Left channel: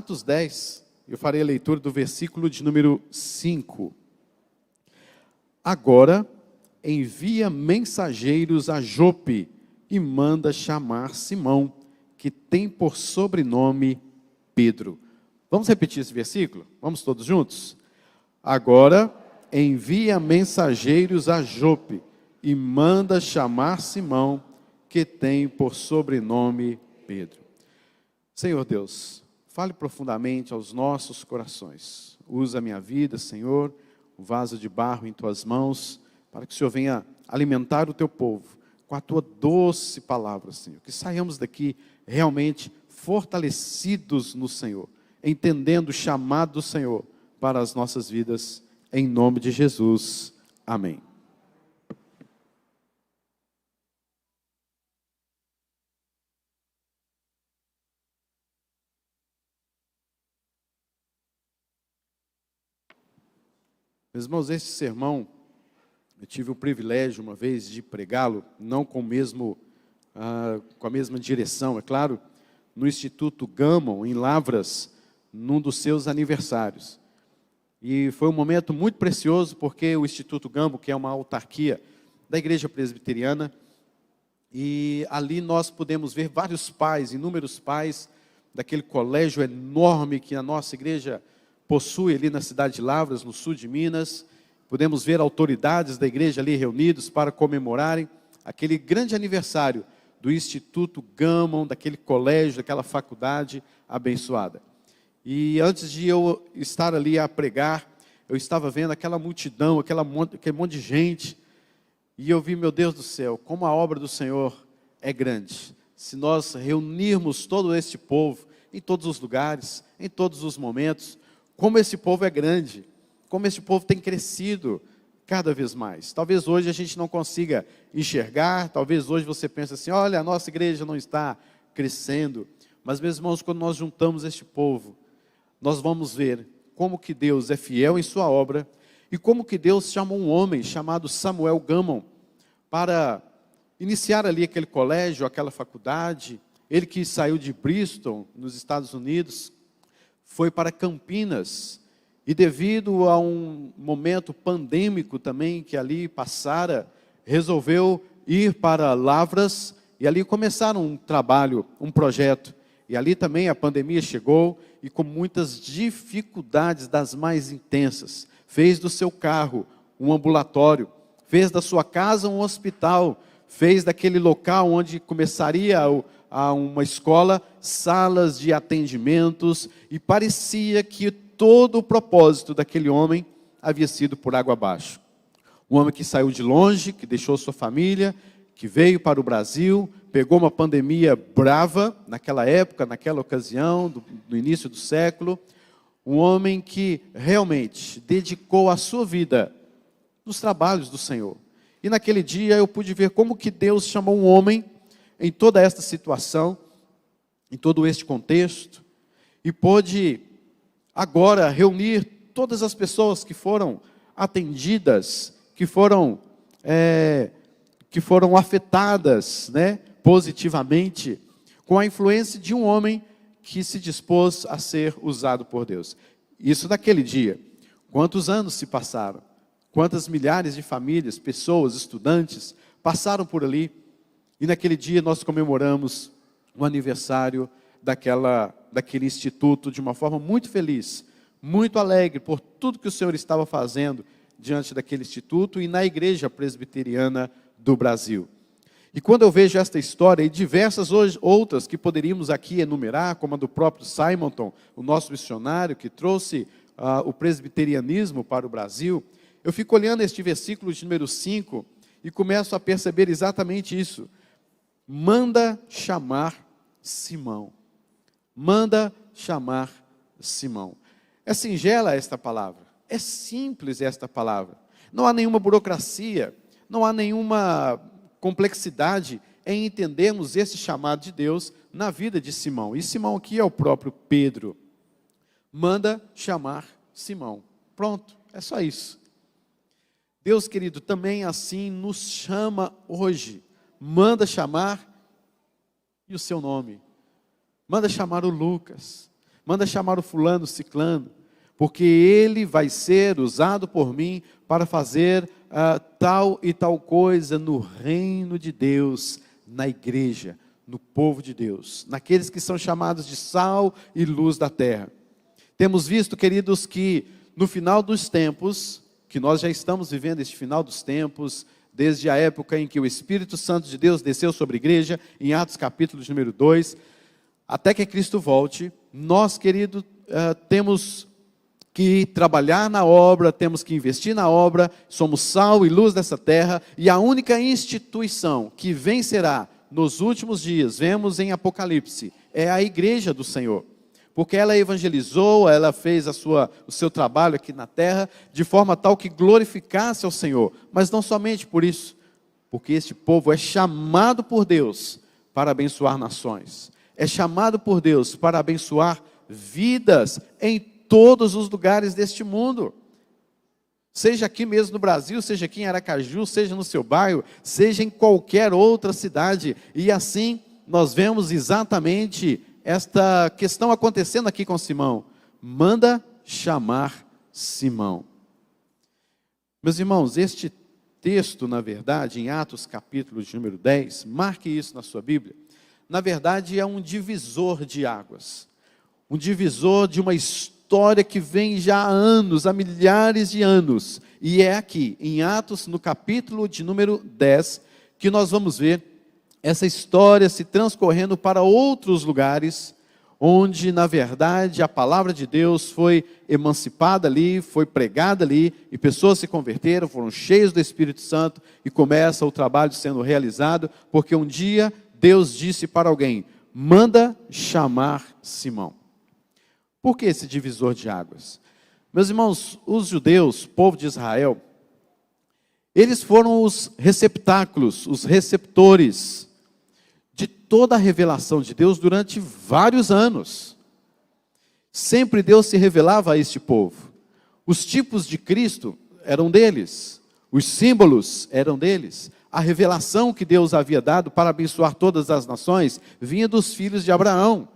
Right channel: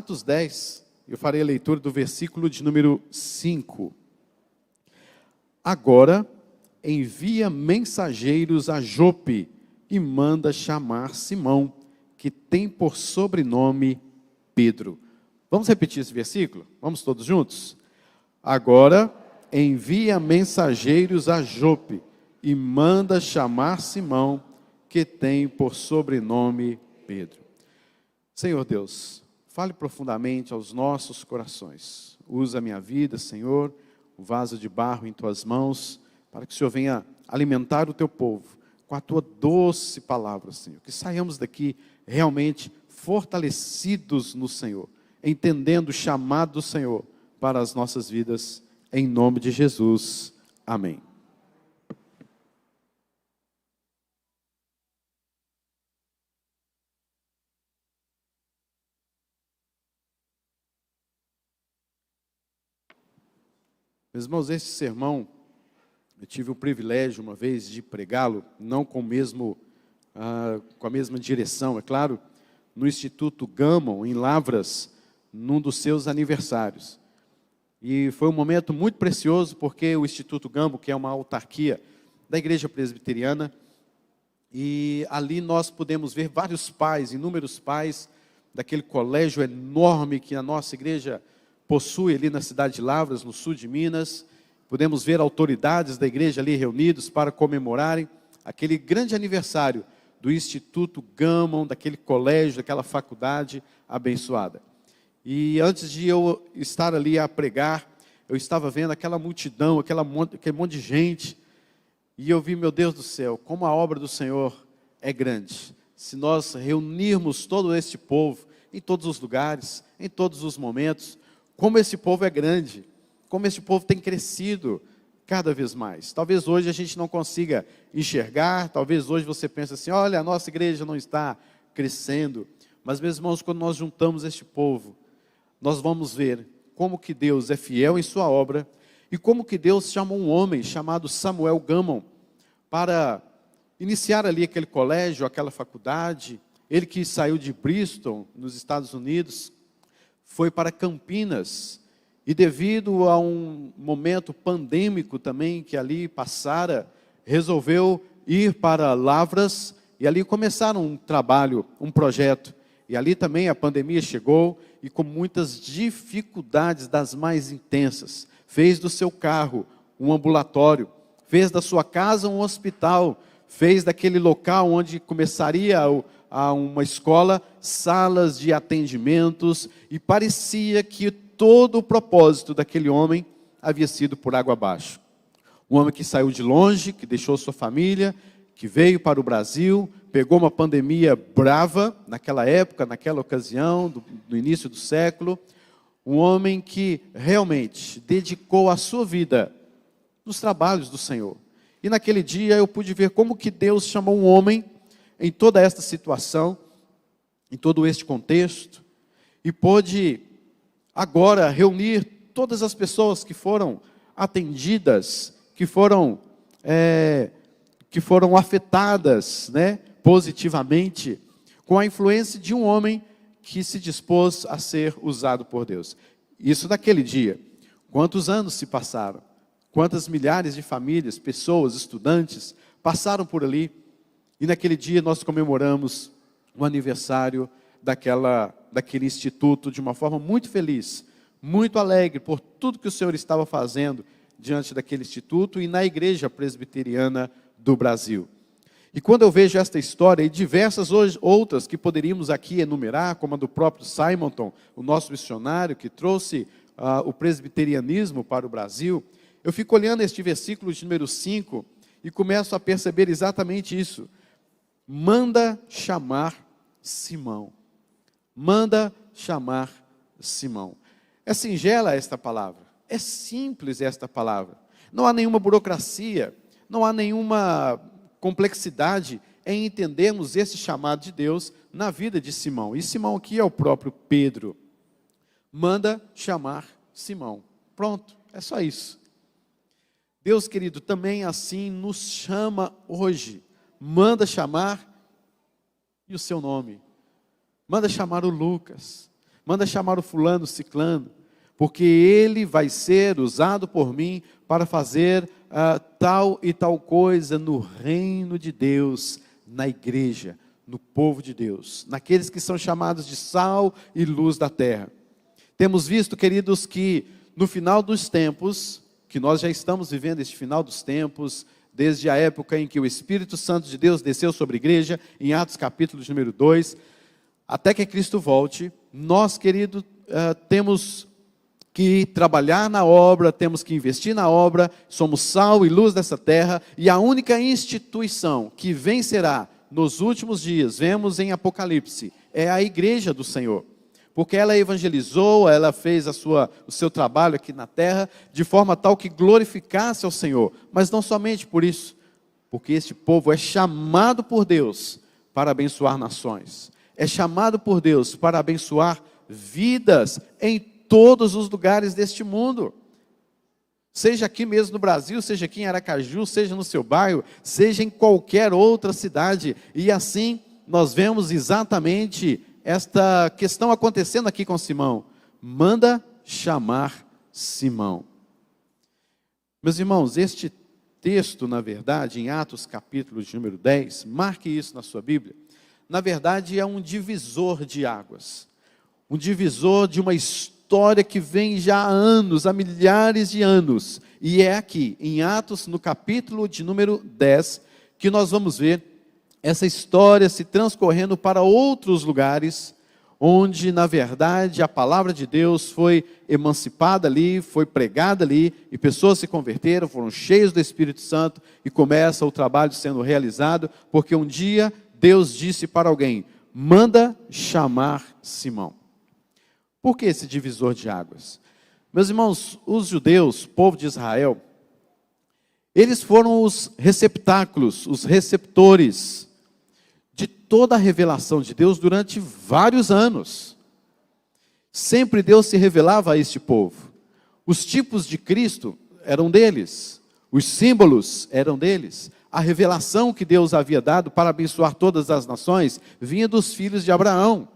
Atos 10, eu farei a leitura do versículo de número 5. Agora, envia mensageiros a Jope e manda chamar Simão, que tem por sobrenome Pedro. Vamos repetir esse versículo? Vamos todos juntos? Agora, envia mensageiros a Jope e manda chamar Simão, que tem por sobrenome Pedro. Senhor Deus, fale profundamente aos nossos corações. Usa a minha vida, Senhor, um vaso de barro em tuas mãos, para que o Senhor venha alimentar o teu povo com a tua doce palavra, Senhor. Que saiamos daqui realmente fortalecidos no Senhor, entendendo o chamado do Senhor para as nossas vidas, em nome de Jesus. Amém. Meus irmãos, esse sermão, eu tive o privilégio uma vez de pregá-lo, não com a mesma direção, é claro, no Instituto Gammon, em Lavras, num dos seus aniversários. E foi um momento muito precioso, porque o Instituto Gammon, que é uma autarquia da Igreja Presbiteriana, e ali nós pudemos ver vários pais, inúmeros pais, daquele colégio enorme que a nossa igreja possui ali na cidade de Lavras, no sul de Minas. Podemos ver autoridades da igreja ali reunidos para comemorarem aquele grande aniversário do Instituto Gammon, daquele colégio, daquela faculdade abençoada. E antes de eu estar ali a pregar, eu estava vendo aquela multidão, aquele monte de gente, e eu vi, meu Deus do céu, como a obra do Senhor é grande. Se nós reunirmos todo esse povo, em todos os lugares, em todos os momentos, como esse povo é grande, como esse povo tem crescido cada vez mais. Talvez hoje a gente não consiga enxergar, talvez hoje você pense assim, olha, a nossa igreja não está crescendo, mas meus irmãos, quando nós juntamos este povo, nós vamos ver como que Deus é fiel em sua obra, e como que Deus chamou um homem chamado Samuel Gammon, para iniciar ali aquele colégio, aquela faculdade. Ele que saiu de Bristol, nos Estados Unidos, foi para Campinas, e devido a um momento pandêmico também que ali passara, resolveu ir para Lavras, e ali começaram um trabalho, um projeto, e ali também a pandemia chegou, e com muitas dificuldades das mais intensas, fez do seu carro um ambulatório, fez da sua casa um hospital, fez daquele local onde começaria a uma escola, salas de atendimentos, e parecia que todo o propósito daquele homem havia sido por água abaixo. Um homem que saiu de longe, que deixou sua família, que veio para o Brasil, pegou uma pandemia brava, naquela época, naquela ocasião, no início do século, um homem que realmente dedicou a sua vida nos trabalhos do Senhor. E naquele dia eu pude ver como que Deus chamou um homem em toda esta situação, em todo este contexto, e pôde agora reunir todas as pessoas que foram atendidas, que foram afetadas, positivamente, com a influência de um homem que se dispôs a ser usado por Deus. Isso naquele dia. Quantos anos se passaram? Quantas milhares de famílias, pessoas, estudantes passaram por ali? E naquele dia nós comemoramos o aniversário daquele instituto de uma forma muito feliz, muito alegre por tudo que o Senhor estava fazendo diante daquele instituto e na Igreja Presbiteriana do Brasil. E quando eu vejo esta história e diversas outras que poderíamos aqui enumerar, como a do próprio Simonton, o nosso missionário que trouxe o presbiterianismo para o Brasil, eu fico olhando este versículo de número 5 e começo a perceber exatamente isso. Manda chamar Simão. Manda chamar Simão. É singela esta palavra, é simples esta palavra. Não há nenhuma burocracia, não há nenhuma complexidade em entendermos esse chamado de Deus na vida de Simão. E Simão aqui é o próprio Pedro. Manda chamar Simão. Pronto, é só isso. Deus, querido, também assim nos chama hoje. Manda chamar e o seu nome. Manda chamar o Lucas. Manda chamar o fulano, ciclano, porque ele vai ser usado por mim para fazer tal e tal coisa no reino de Deus, na igreja, no povo de Deus, naqueles que são chamados de sal e luz da terra. Temos visto, queridos, que no final dos tempos, que nós já estamos vivendo este final dos tempos, desde a época em que o Espírito Santo de Deus desceu sobre a igreja, em Atos capítulo número 2, até que Cristo volte, nós, querido, temos que trabalhar na obra, temos que investir na obra, somos sal e luz dessa terra, e a única instituição que vencerá nos últimos dias, vemos em Apocalipse, é a igreja do Senhor, porque ela evangelizou, ela fez o seu trabalho aqui na terra, de forma tal que glorificasse ao Senhor, mas não somente por isso, porque este povo é chamado por Deus para abençoar nações, é chamado por Deus para abençoar vidas em todos os lugares deste mundo, seja aqui mesmo no Brasil, seja aqui em Aracaju, seja no seu bairro, seja em qualquer outra cidade, e assim nós vemos exatamente esta questão acontecendo aqui com Simão. Manda chamar Simão. Meus irmãos, este texto, na verdade, em Atos capítulo número 10, marque isso na sua Bíblia, na verdade é um divisor de águas, um divisor de uma história que vem já há anos, há milhares de anos, e é aqui, em Atos, no capítulo de número 10, que nós vamos ver essa história se transcorrendo para outros lugares, onde, na verdade, a palavra de Deus foi emancipada ali, foi pregada ali, e pessoas se converteram, foram cheios do Espírito Santo, e começa o trabalho sendo realizado, porque um dia Deus disse para alguém: manda chamar Simão. Por que esse divisor de águas? Meus irmãos, os judeus, povo de Israel, eles foram os receptáculos, os receptores de toda a revelação de Deus durante vários anos. Sempre Deus se revelava a este povo. Os tipos de Cristo eram deles, os símbolos eram deles. A revelação que Deus havia dado para abençoar todas as nações vinha dos filhos de Abraão.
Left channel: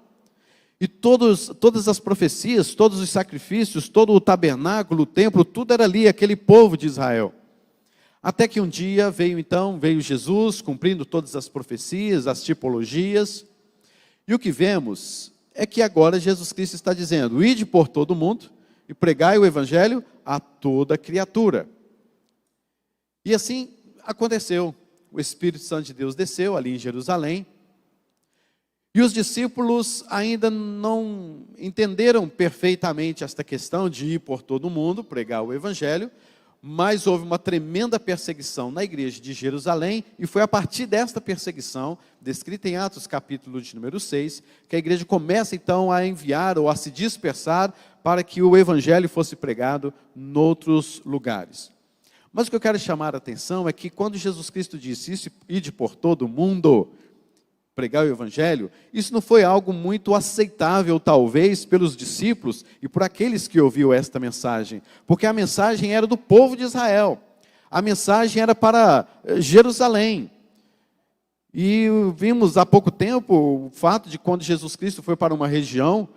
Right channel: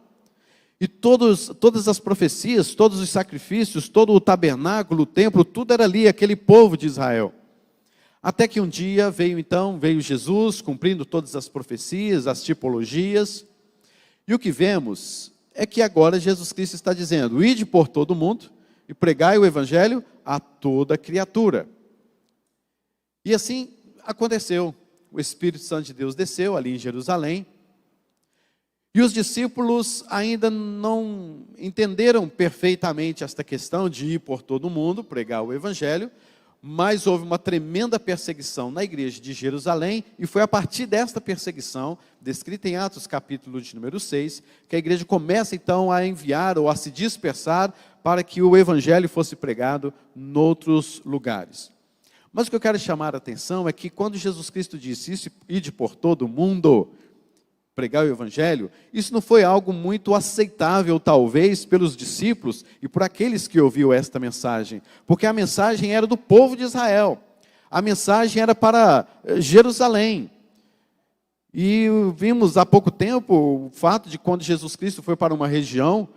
E todas as profecias, todos os sacrifícios, todo o tabernáculo, o templo, tudo era ali, aquele povo de Israel. Até que um dia veio Jesus, cumprindo todas as profecias, as tipologias. E o que vemos é que agora Jesus Cristo está dizendo: ide por todo o mundo e pregai o evangelho a toda criatura. E assim aconteceu. O Espírito Santo de Deus desceu ali em Jerusalém. E os discípulos ainda não entenderam perfeitamente esta questão de ir por todo mundo, pregar o evangelho, mas houve uma tremenda perseguição na igreja de Jerusalém, e foi a partir desta perseguição, descrita em Atos capítulo de número 6, que a igreja começa então a enviar ou a se dispersar para que o evangelho fosse pregado em outros lugares. Mas o que eu quero chamar a atenção é que quando Jesus Cristo disse: ide por todo mundo, pregar o evangelho, isso não foi algo muito aceitável, talvez, pelos discípulos e por aqueles que ouviram esta mensagem, porque a mensagem era do povo de Israel, a mensagem era para Jerusalém, e vimos há pouco tempo o fato de quando Jesus Cristo foi para uma região,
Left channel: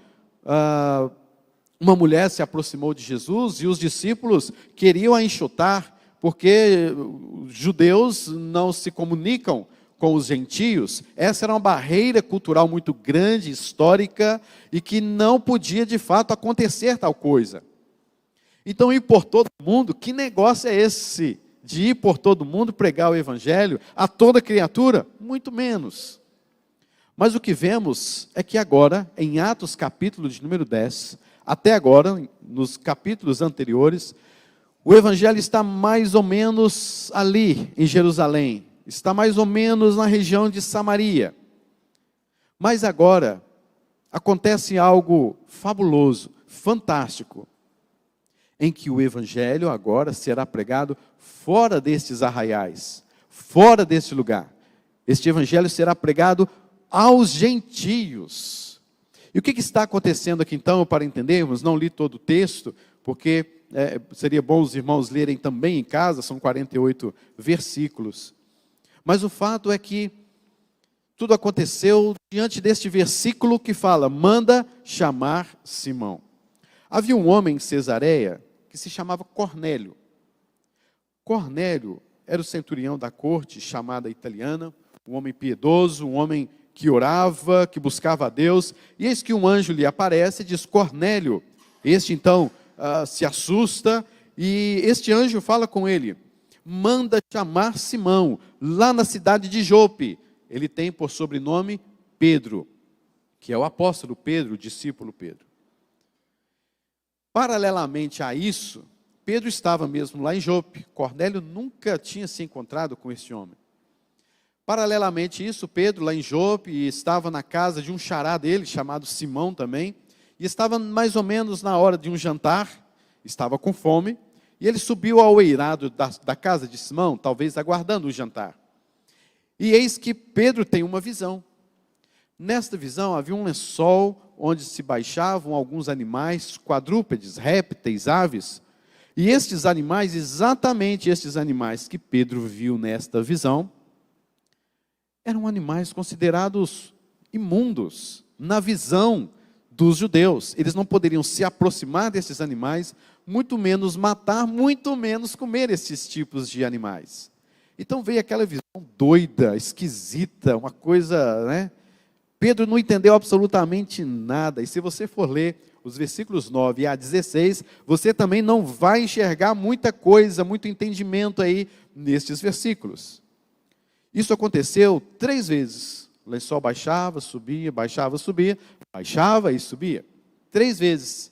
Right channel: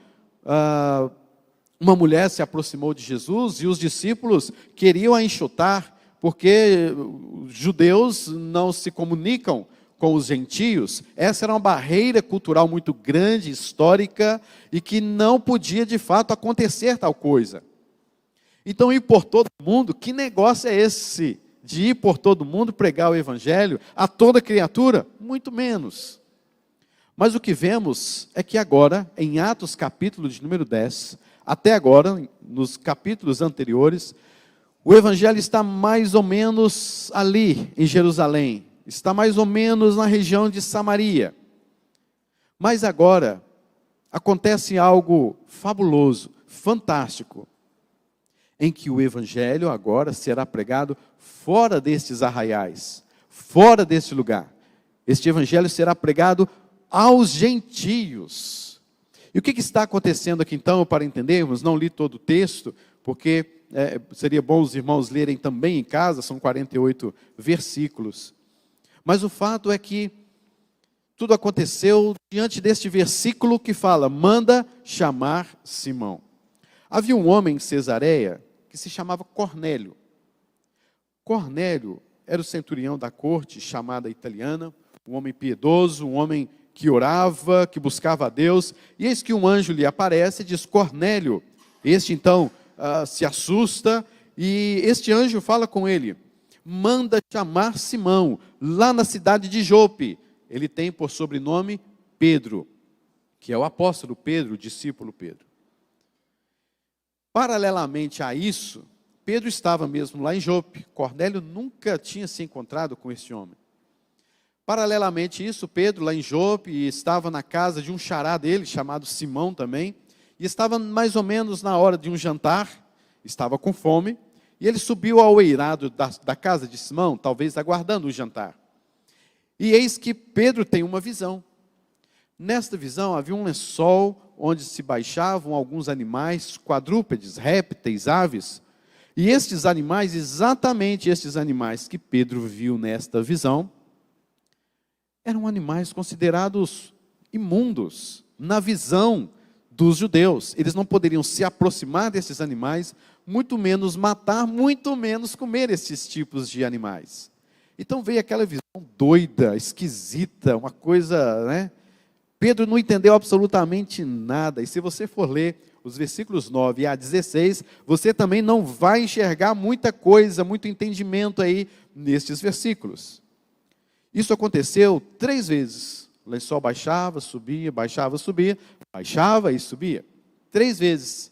uma mulher se aproximou de Jesus, e os discípulos queriam a enxotar, porque os judeus não se comunicam com os gentios. Essa era uma barreira cultural muito grande, histórica, e que não podia de fato acontecer tal coisa. Então, ir por todo mundo, que negócio é esse de ir por todo mundo pregar o evangelho a toda criatura? Muito menos. Mas o que vemos é que agora, em Atos capítulo de número 10, até agora, nos capítulos anteriores, o evangelho está mais ou menos ali em Jerusalém, está mais ou menos na região de Samaria. Mas agora acontece algo fabuloso, fantástico, em que o evangelho agora será pregado fora destes arraiais, fora deste lugar. Este evangelho será pregado aos gentios. E o que está acontecendo aqui então, para entendermos? Não li todo o texto, porque seria bom os irmãos lerem também em casa, são 48 versículos. Mas o fato é que tudo aconteceu diante deste versículo que fala: manda chamar Simão. Havia um homem em Cesareia que se chamava Cornélio. Cornélio era o centurião da corte chamada italiana, um homem piedoso, um homem que orava, que buscava a Deus. E eis que um anjo lhe aparece e diz: Cornélio. Este então se assusta e este anjo fala com ele: manda chamar Simão, lá na cidade de Jope. Ele tem por sobrenome Pedro, que é o apóstolo Pedro, o discípulo Pedro. Paralelamente a isso, Pedro estava mesmo lá em Jope. Cornélio nunca tinha se encontrado com esse homem. Paralelamente a isso, Pedro lá em Jope estava na casa de um xará dele, chamado Simão também, e estava mais ou menos na hora de um jantar, estava com fome, e ele subiu ao eirado da casa de Simão, talvez aguardando o jantar. E eis que Pedro tem uma visão. Nesta visão havia um lençol onde se baixavam alguns animais, quadrúpedes, répteis, aves. E estes animais, exatamente estes animais que Pedro viu nesta visão, eram animais considerados imundos na visão dos judeus. Eles não poderiam se aproximar desses animais, muito menos matar, muito menos comer esses tipos de animais. Então veio aquela visão doida, esquisita, uma coisa, né? Pedro não entendeu absolutamente nada. E se você for ler os versículos 9 a 16, você também não vai enxergar muita coisa, muito entendimento aí nestes versículos. Isso aconteceu 3 vezes. O lençol baixava, subia, baixava, subia, baixava e subia. 3 vezes.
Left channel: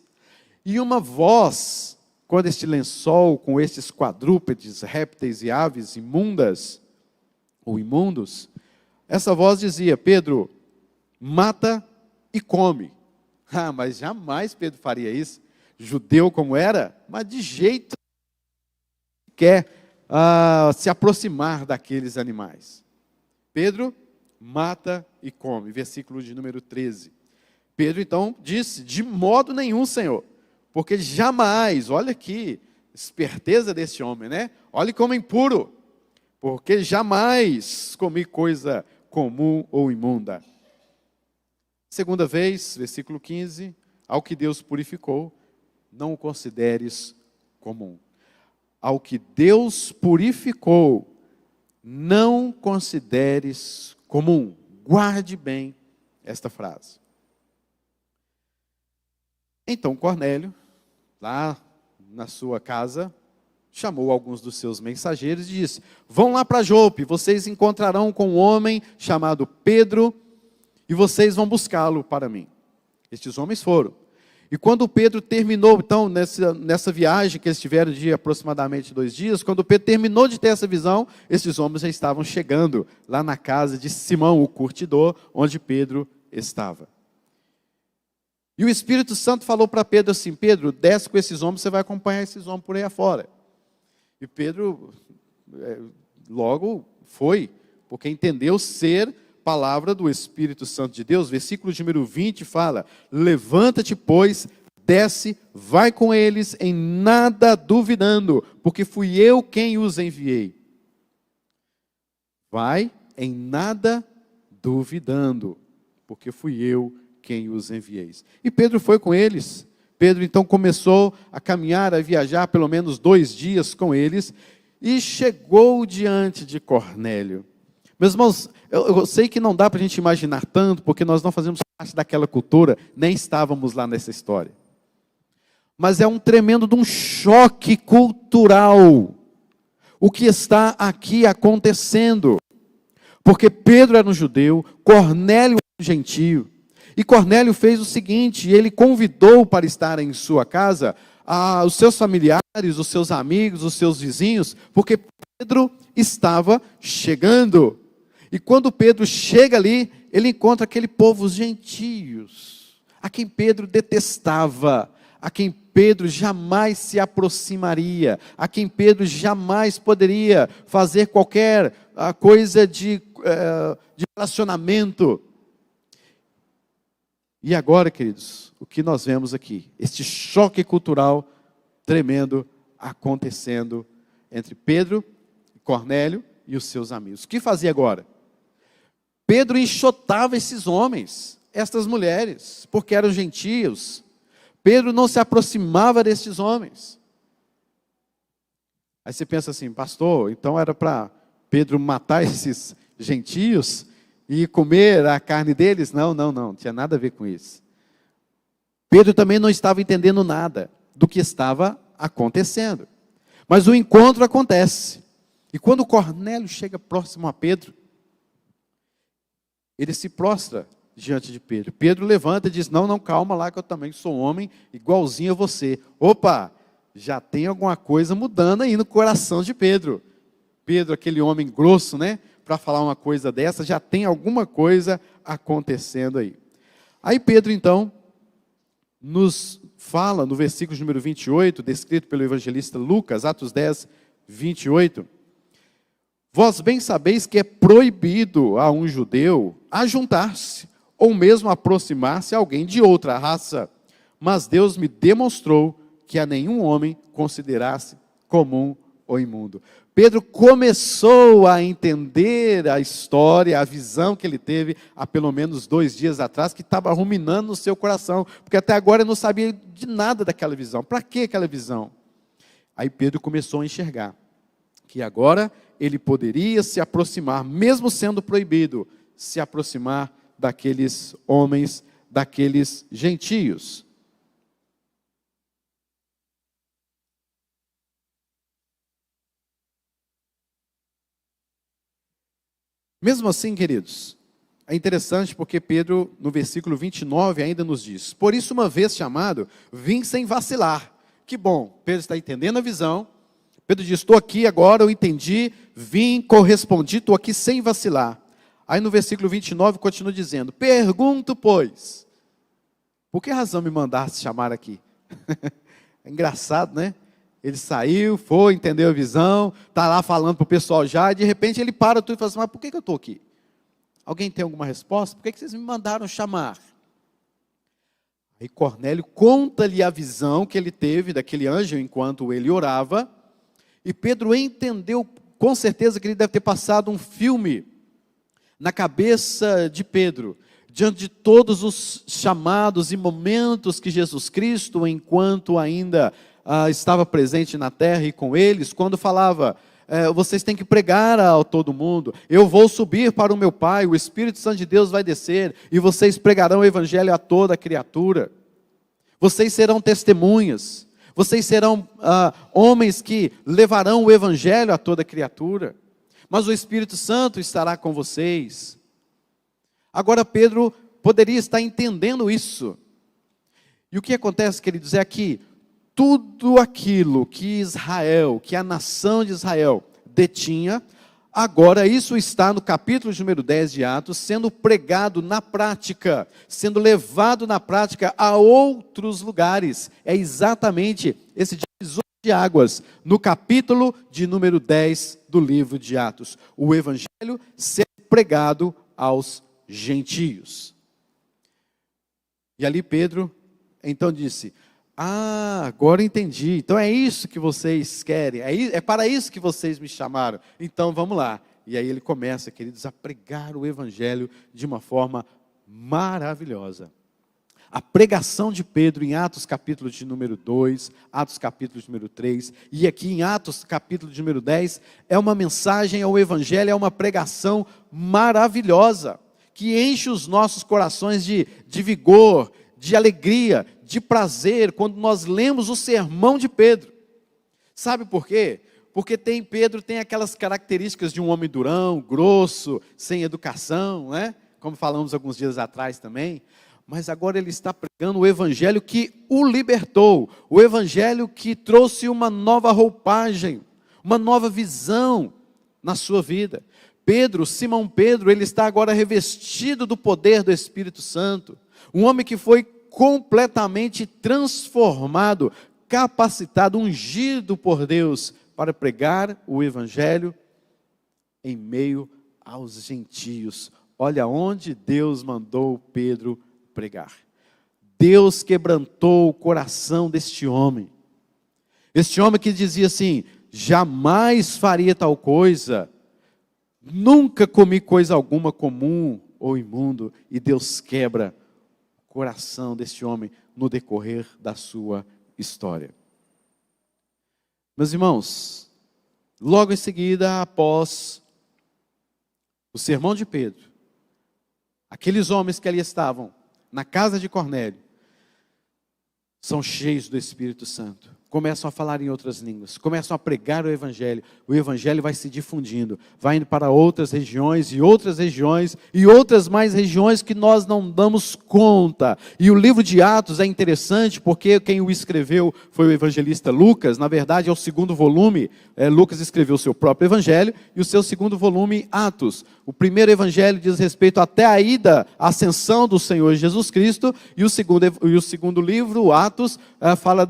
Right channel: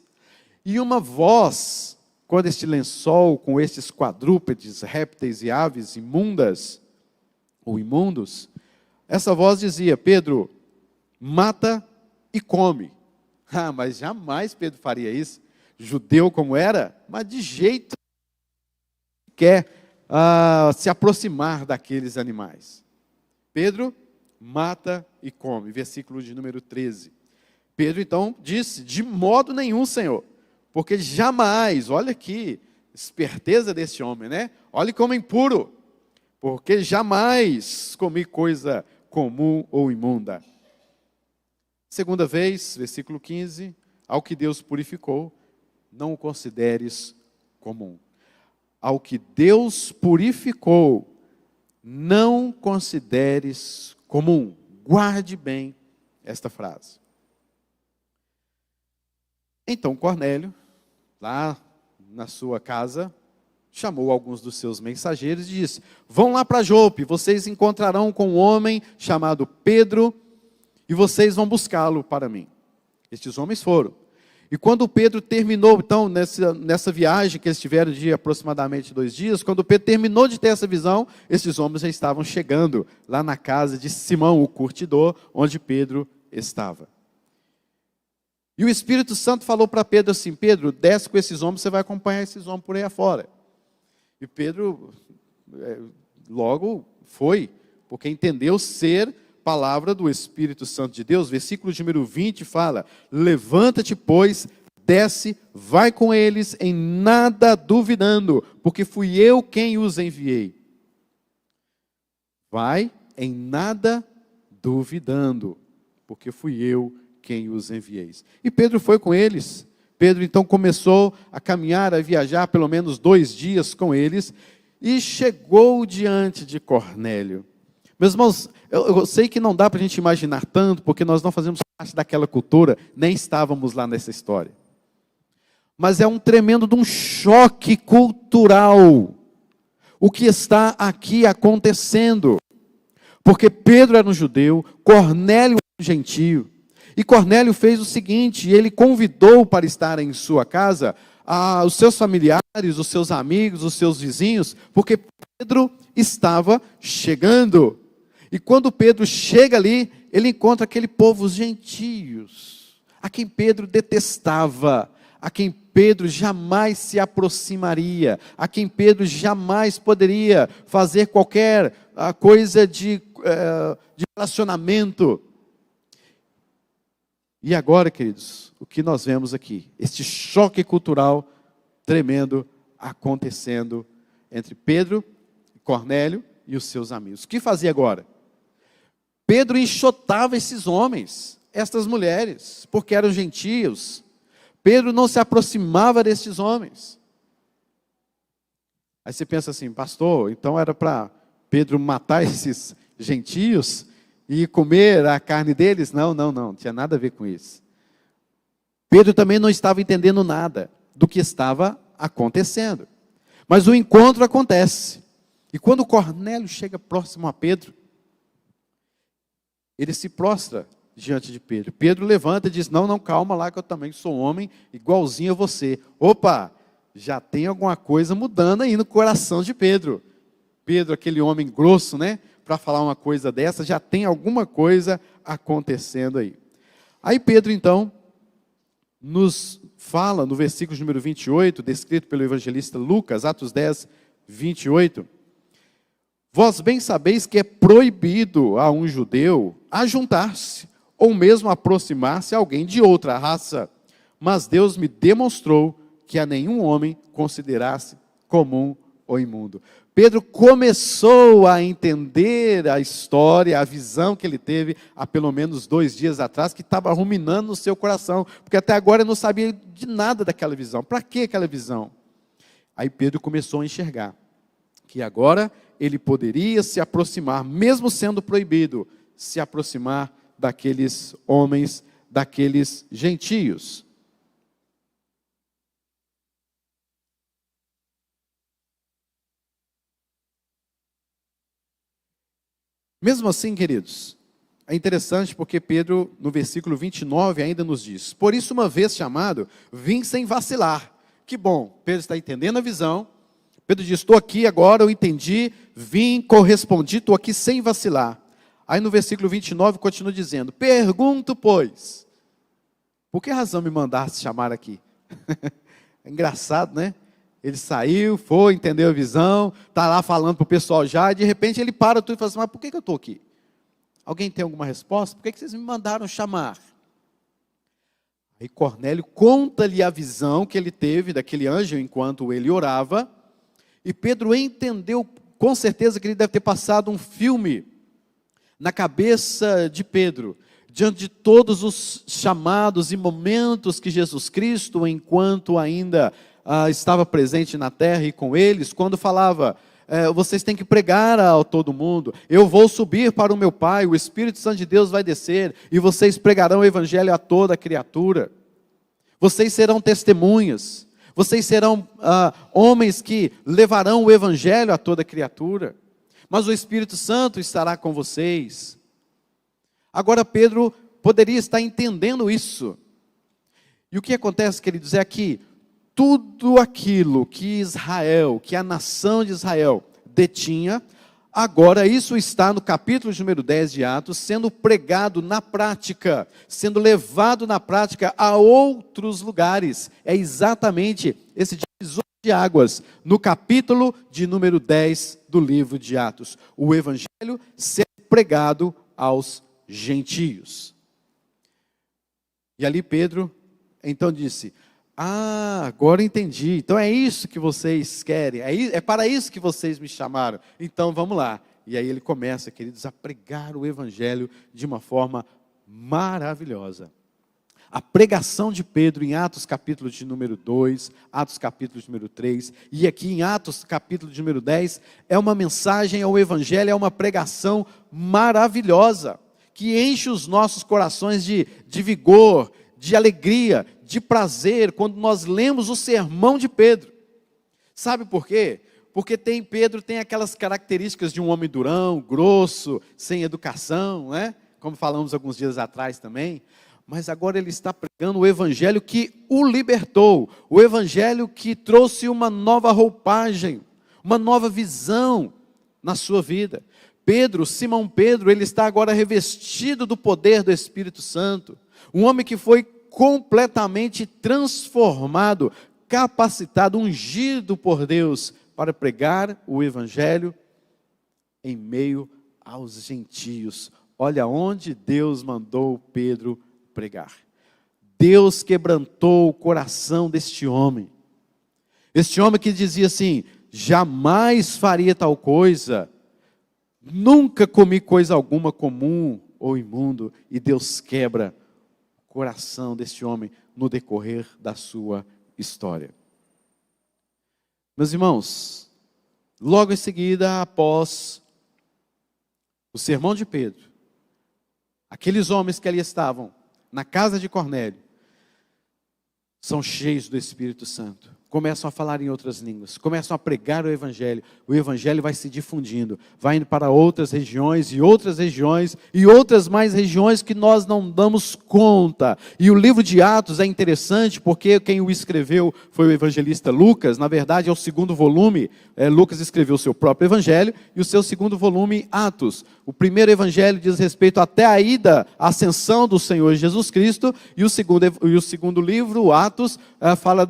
E uma voz, quando este lençol com estes quadrúpedes, répteis e aves imundas, ou imundos, essa voz dizia: Pedro, mata e come. Mas jamais Pedro faria isso. Judeu como era, mas de jeito quer se aproximar daqueles animais. Pedro mata e come. Versículo de número 13. Pedro então disse: de modo nenhum, Senhor, porque jamais, olha aqui, esperteza desse homem, né? Olha como é impuro, porque jamais comi coisa comum ou imunda. Segunda vez, versículo 15, ao que Deus purificou, não o consideres comum. Ao que Deus purificou, não consideres comum. Guarde bem esta frase. Então Cornélio, lá na sua casa, chamou alguns dos seus mensageiros e disse: vão lá para Jope, vocês encontrarão com um homem chamado Pedro, e vocês vão buscá-lo para mim. Estes homens foram. E quando Pedro terminou, então, nessa viagem que eles tiveram de aproximadamente 2 dias, quando Pedro terminou de ter essa visão, esses homens já estavam chegando lá na casa de Simão, o curtidor, onde Pedro estava. E o Espírito Santo falou para Pedro assim: Pedro, desce com esses homens, você vai acompanhar esses homens por aí afora. E Pedro logo foi, porque entendeu ser palavra do Espírito Santo de Deus. Versículo de número 20 fala: levanta-te, pois, desce, vai com eles, em nada duvidando, porque fui eu quem os enviei. Vai em nada duvidando, porque fui eu quem os enviei. E Pedro foi com eles. Pedro então começou a caminhar, a viajar pelo menos 2 dias com eles, e chegou diante de Cornélio. Meus irmãos, eu sei que não dá para a gente imaginar tanto, porque nós não fazemos parte daquela cultura, nem estávamos lá nessa história. Mas é um tremendo de um choque cultural o que está aqui acontecendo. Porque Pedro era um judeu, Cornélio era um gentio. E Cornélio fez o seguinte: ele convidou para estar em sua casa os seus familiares, os seus amigos, os seus vizinhos, porque Pedro estava chegando. E quando Pedro chega ali, ele encontra aquele povo, os gentios, a quem Pedro detestava, a quem Pedro jamais se aproximaria, a quem Pedro jamais poderia fazer qualquer coisa de relacionamento. E agora, queridos, o que nós vemos aqui? Este choque cultural tremendo acontecendo entre Pedro, Cornélio e os seus amigos. O que fazia agora? Pedro enxotava esses homens, estas mulheres, porque eram gentios. Pedro não se aproximava desses homens. Aí você pensa assim, pastor, então era para Pedro matar esses gentios e comer a carne deles? Não tinha nada a ver com isso. Pedro também não estava entendendo nada do que estava acontecendo. Mas o encontro acontece. E quando Cornélio chega próximo a Pedro, ele se prostra diante de Pedro. Pedro levanta e diz, não, calma lá, que eu também sou homem, igualzinho a você. Opa, já tem alguma coisa mudando aí no coração de Pedro. Pedro, aquele homem grosso, né? Para falar uma coisa dessa, já tem alguma coisa acontecendo aí. Aí Pedro, então, nos fala no versículo número 28, descrito pelo evangelista Lucas, Atos 10, 28. Vós bem sabeis que é proibido a um judeu ajuntar-se, ou mesmo aproximar-se a alguém de outra raça. Mas Deus me demonstrou que a nenhum homem considerasse comum ou imundo. Pedro começou a entender a história, a visão que ele teve há pelo menos 2 dias atrás, que estava ruminando no seu coração, porque até agora ele não sabia de nada daquela visão. Para que aquela visão? Aí Pedro começou a enxergar que agora ele poderia se aproximar, mesmo sendo proibido, se aproximar daqueles homens, daqueles gentios. Mesmo assim, queridos, é interessante porque Pedro, no versículo 29, ainda nos diz, por isso uma vez chamado, vim sem vacilar. Que bom, Pedro está entendendo a visão. Pedro diz, estou aqui agora, eu entendi, vim, correspondi, estou aqui sem vacilar. Aí no versículo 29 continua dizendo, pergunto, pois, por que razão me mandaste chamar aqui? É engraçado, né? Ele saiu, foi, entendeu a visão, está lá falando para o pessoal já, e de repente ele para tudo e fala assim, mas por que eu estou aqui? Alguém tem alguma resposta? Por que vocês me mandaram chamar? Aí Cornélio conta-lhe a visão que ele teve daquele anjo enquanto ele orava, e Pedro entendeu com certeza que ele deve ter passado um filme na cabeça de Pedro, diante de todos os chamados e momentos que Jesus Cristo, enquanto ainda estava presente na terra e com eles, quando falava, vocês têm que pregar a todo mundo, eu vou subir para o meu Pai, o Espírito Santo de Deus vai descer, e vocês pregarão o Evangelho a toda criatura, vocês serão testemunhas, vocês serão homens que levarão o Evangelho a toda criatura, mas o Espírito Santo estará com vocês. Agora Pedro poderia estar entendendo isso, e o que acontece, queridos, é que tudo aquilo que Israel, que a nação de Israel detinha, agora isso está no capítulo número 10 de Atos, sendo pregado na prática, sendo levado na prática a outros lugares. É exatamente esse divisor de águas, no capítulo de número 10 do livro de Atos. O Evangelho sendo pregado aos gentios. E ali Pedro, então disse, agora entendi, então é isso que vocês querem, é para isso que vocês me chamaram, então vamos lá. E aí ele começa, queridos, a pregar o Evangelho de uma forma maravilhosa. A pregação de Pedro em Atos capítulo de número 2, Atos capítulo de número 3, e aqui em Atos capítulo de número 10, é uma mensagem ao Evangelho, é uma pregação maravilhosa, que enche os nossos corações de vigor, de alegria, de prazer, quando nós lemos o sermão de Pedro. Sabe por quê? Porque Pedro tem aquelas características de um homem durão, grosso, sem educação, né? Como falamos alguns dias atrás também. Mas agora ele está pregando o Evangelho que o libertou, o Evangelho que trouxe uma nova roupagem, uma nova visão na sua vida. Simão Pedro, ele está agora revestido do poder do Espírito Santo, um homem que foi completamente transformado, capacitado, ungido por Deus para pregar o Evangelho em meio aos gentios. Olha onde Deus mandou Pedro pregar. Deus quebrantou o coração deste homem. Este homem que dizia assim, jamais faria tal coisa. Nunca comi coisa alguma comum ou imundo. E Deus quebra o coração desse homem no decorrer da sua história. Meus irmãos, logo em seguida, após o sermão de Pedro, aqueles homens que ali estavam, na casa de Cornélio, são cheios do Espírito Santo. Começam a falar em outras línguas, começam a pregar o Evangelho vai se difundindo, vai indo para outras regiões e outras mais regiões que nós não damos conta. E o livro de Atos é interessante porque quem o escreveu foi o evangelista Lucas. Na verdade é o segundo volume. Lucas escreveu o seu próprio evangelho e o seu segundo volume, Atos. O primeiro evangelho diz respeito até a ida, a ascensão do Senhor Jesus Cristo, e o segundo livro, Atos, fala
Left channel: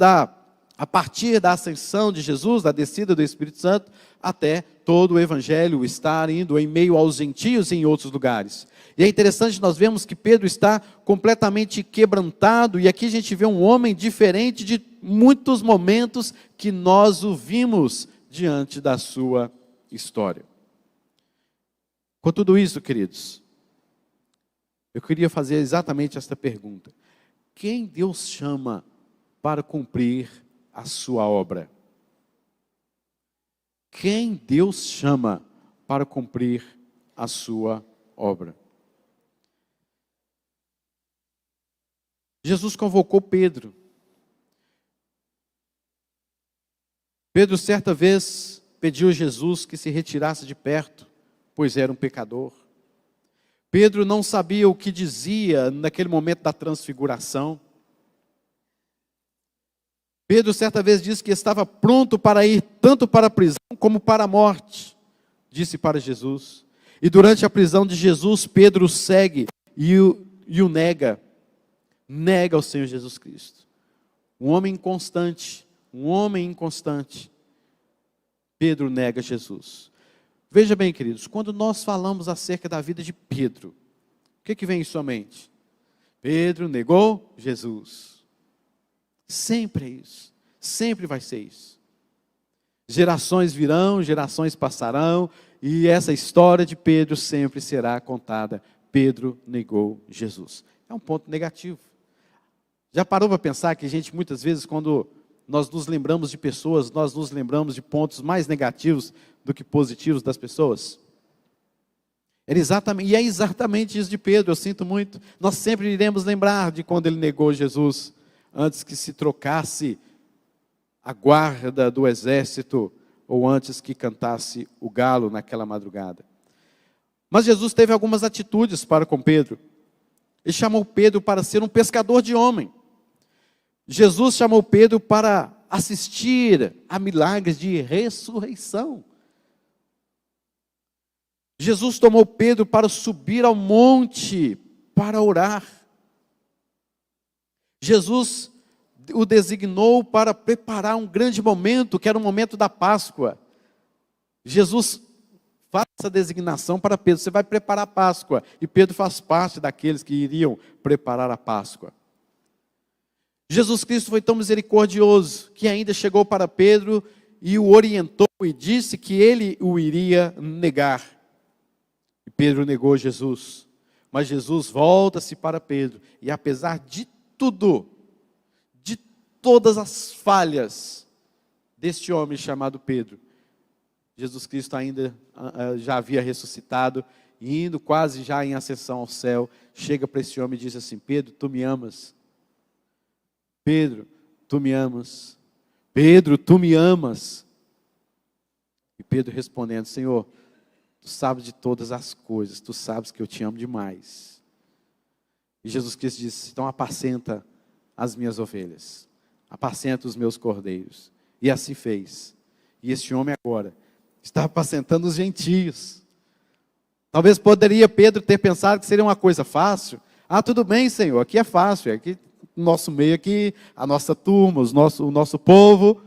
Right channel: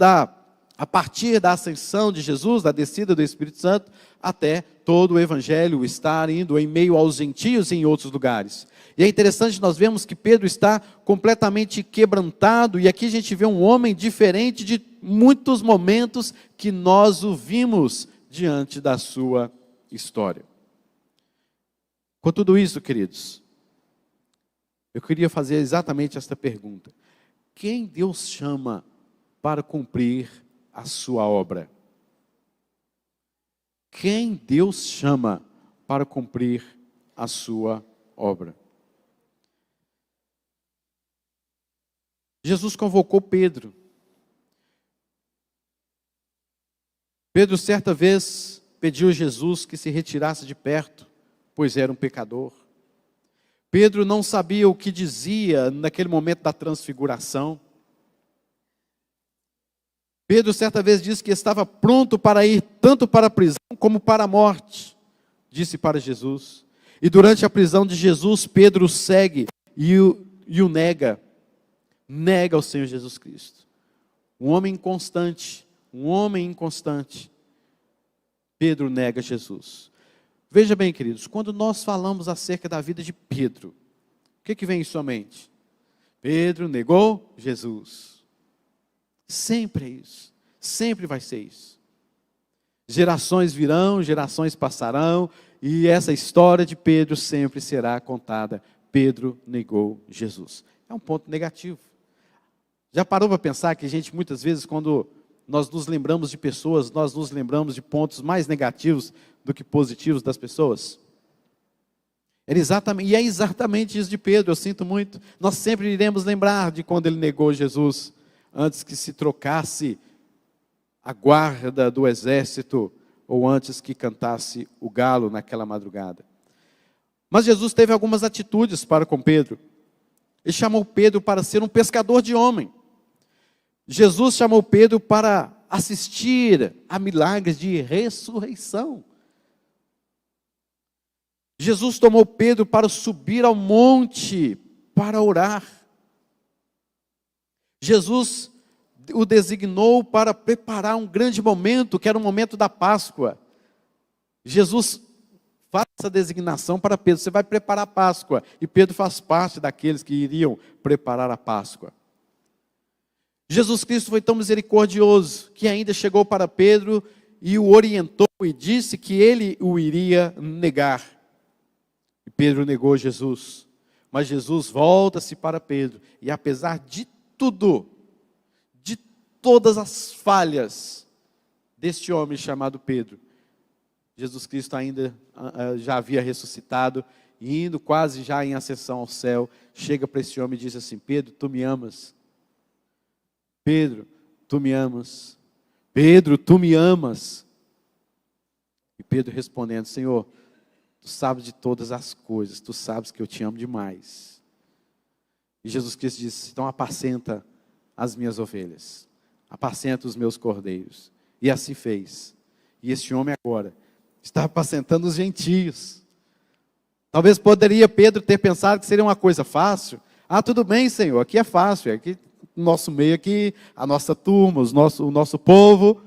a partir da ascensão de Jesus, da descida do Espírito Santo, até todo o evangelho estar indo em meio aos gentios e em outros lugares. E é interessante, nós vemos que Pedro está completamente quebrantado, e aqui a gente vê um homem diferente de muitos momentos que nós o vimos diante da sua história. Com tudo isso, queridos, eu queria fazer exatamente esta pergunta: quem Deus chama para cumprir a sua obra? Quem Deus chama para cumprir a sua obra? Jesus convocou Pedro. Pedro certa vez pediu a Jesus que se retirasse de perto, pois era um pecador. Pedro não sabia o que dizia naquele momento da transfiguração. Pedro certa vez disse que estava pronto para ir tanto para a prisão como para a morte, disse para Jesus. E durante a prisão de Jesus, Pedro segue e o nega o Senhor Jesus Cristo. Um homem inconstante, Pedro nega Jesus. Veja bem, queridos, quando nós falamos acerca da vida de Pedro, o que vem em sua mente? Pedro negou Jesus. Sempre é isso, sempre vai ser isso. Gerações virão, gerações passarão, e essa história de Pedro sempre será contada. Pedro negou Jesus. É um ponto negativo. Já parou para pensar que a gente muitas vezes, quando nós nos lembramos de pessoas, nós nos lembramos de pontos mais negativos do que positivos das pessoas? É exatamente isso de Pedro, eu sinto muito. Nós sempre iremos lembrar de quando ele negou Jesus, antes que se trocasse a guarda do exército, ou antes que cantasse o galo naquela madrugada. Mas Jesus teve algumas atitudes para com Pedro. Ele chamou Pedro para ser um pescador de homem. Jesus chamou Pedro para assistir a milagres de ressurreição. Jesus tomou Pedro para subir ao monte para orar. Jesus o designou para preparar um grande momento, que era o momento da Páscoa. Jesus faz essa designação para Pedro: você vai preparar a Páscoa. E Pedro faz parte daqueles que iriam preparar a Páscoa. Jesus Cristo foi tão misericordioso que ainda chegou para Pedro e o orientou e disse que ele o iria negar. E Pedro negou Jesus. Mas Jesus volta-se para Pedro, e apesar de tudo, de todas as falhas deste homem chamado Pedro, Jesus Cristo ainda já havia ressuscitado, e indo quase já em ascensão ao céu, chega para esse homem e diz assim: Pedro, tu me amas? Pedro, tu me amas? Pedro, tu me amas? E Pedro respondendo: Senhor, tu sabes de todas as coisas, tu sabes que eu te amo demais. E Jesus Cristo disse: então apacenta as minhas ovelhas, apacenta os meus cordeiros. E assim fez. E este homem agora está apacentando os gentios. Talvez poderia Pedro ter pensado que seria uma coisa fácil. Ah, tudo bem, Senhor, aqui é fácil, aqui no nosso meio, aqui, a nossa turma, o nosso povo.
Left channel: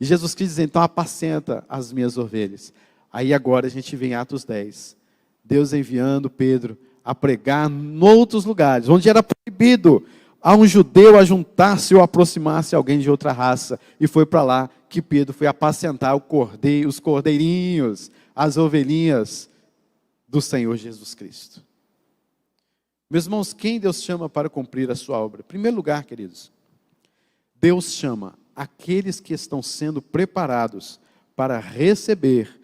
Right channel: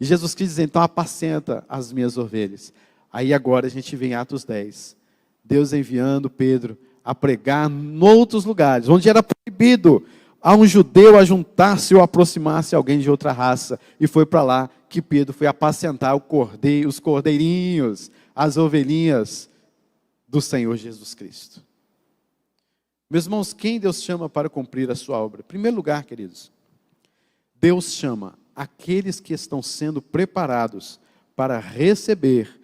E Jesus Cristo diz: então apacenta as minhas ovelhas. Aí agora a gente vê em Atos 10, Deus enviando Pedro a pregar em outros lugares, onde era proibido a um judeu a juntar-se ou aproximar-se a alguém de outra raça. E foi para lá que Pedro foi apacentar os cordeirinhos, as ovelhinhas do Senhor Jesus Cristo. Meus irmãos, quem Deus chama para cumprir a sua obra? Em primeiro lugar, queridos, Deus chama aqueles que estão sendo preparados para receber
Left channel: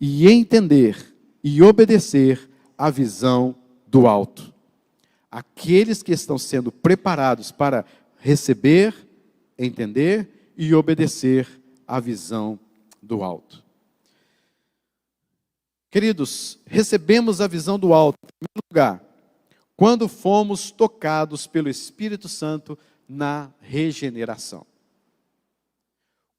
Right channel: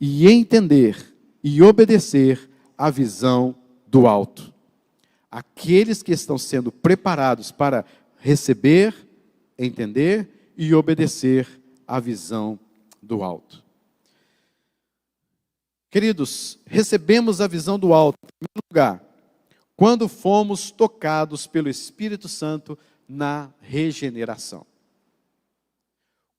e entender e obedecer a visão do alto. Aqueles que estão sendo preparados para receber, entender e obedecer a visão do alto. Queridos, recebemos a visão do alto, em primeiro lugar, quando fomos tocados pelo Espírito Santo na regeneração.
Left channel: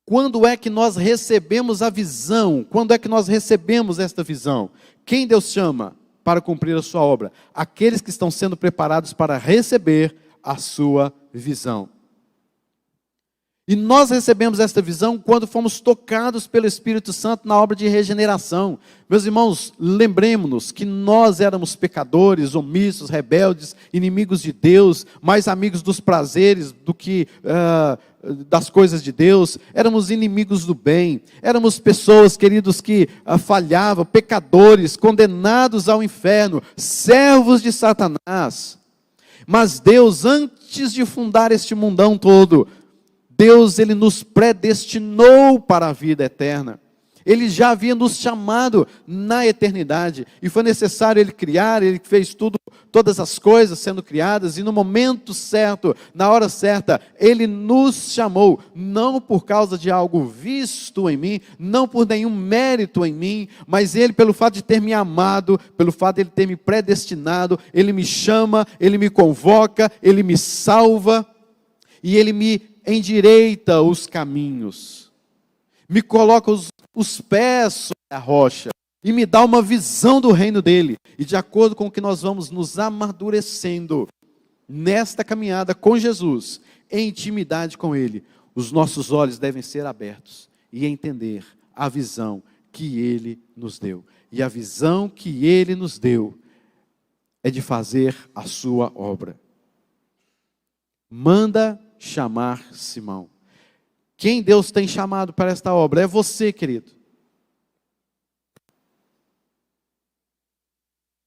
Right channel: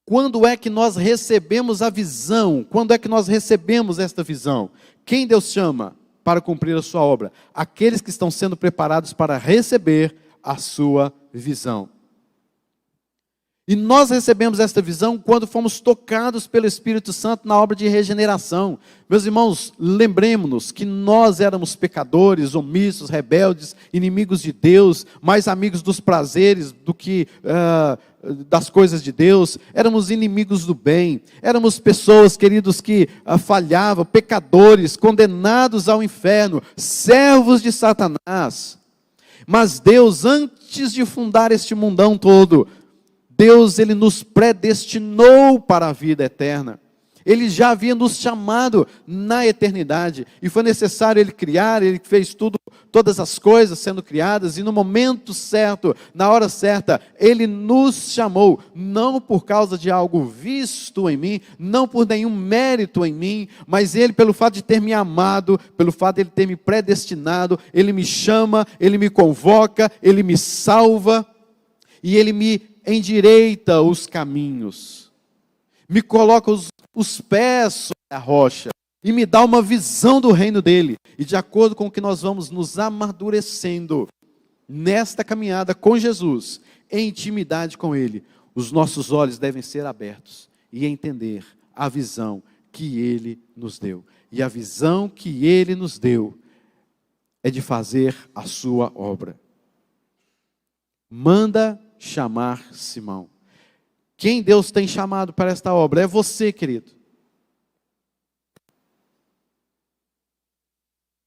Quando é que nós recebemos a visão? Quando é que nós recebemos esta visão? Quem Deus chama para cumprir a sua obra? Aqueles que estão sendo preparados para receber a sua visão. E nós recebemos esta visão quando fomos tocados pelo Espírito Santo na obra de regeneração. Meus irmãos, lembremos-nos que nós éramos pecadores, omissos, rebeldes, inimigos de Deus, mais amigos dos prazeres do que das coisas de Deus. Éramos inimigos do bem, éramos pessoas, queridos, que falhavam, pecadores, condenados ao inferno, servos de Satanás. Mas Deus, antes de fundar este mundão todo, Deus, Ele nos predestinou para a vida eterna. Ele já havia nos chamado na eternidade. E foi necessário Ele criar, Ele fez tudo, todas as coisas sendo criadas. E no momento certo, na hora certa, Ele nos chamou. Não por causa de algo visto em mim, não por nenhum mérito em mim, mas Ele, pelo fato de ter me amado, pelo fato de Ele ter me predestinado, Ele me chama, Ele me convoca, Ele me salva. E Ele me endireita os caminhos, me coloca os pés sobre a rocha, e me dá uma visão do reino dele, e de acordo com o que nós vamos nos amadurecendo, nesta caminhada com Jesus, em intimidade com ele, os nossos olhos devem ser abertos, e entender a visão que ele nos deu, e a visão que ele nos deu, é de fazer a sua obra. Manda chamar Simão. Quem Deus tem chamado para esta obra? É você, querido.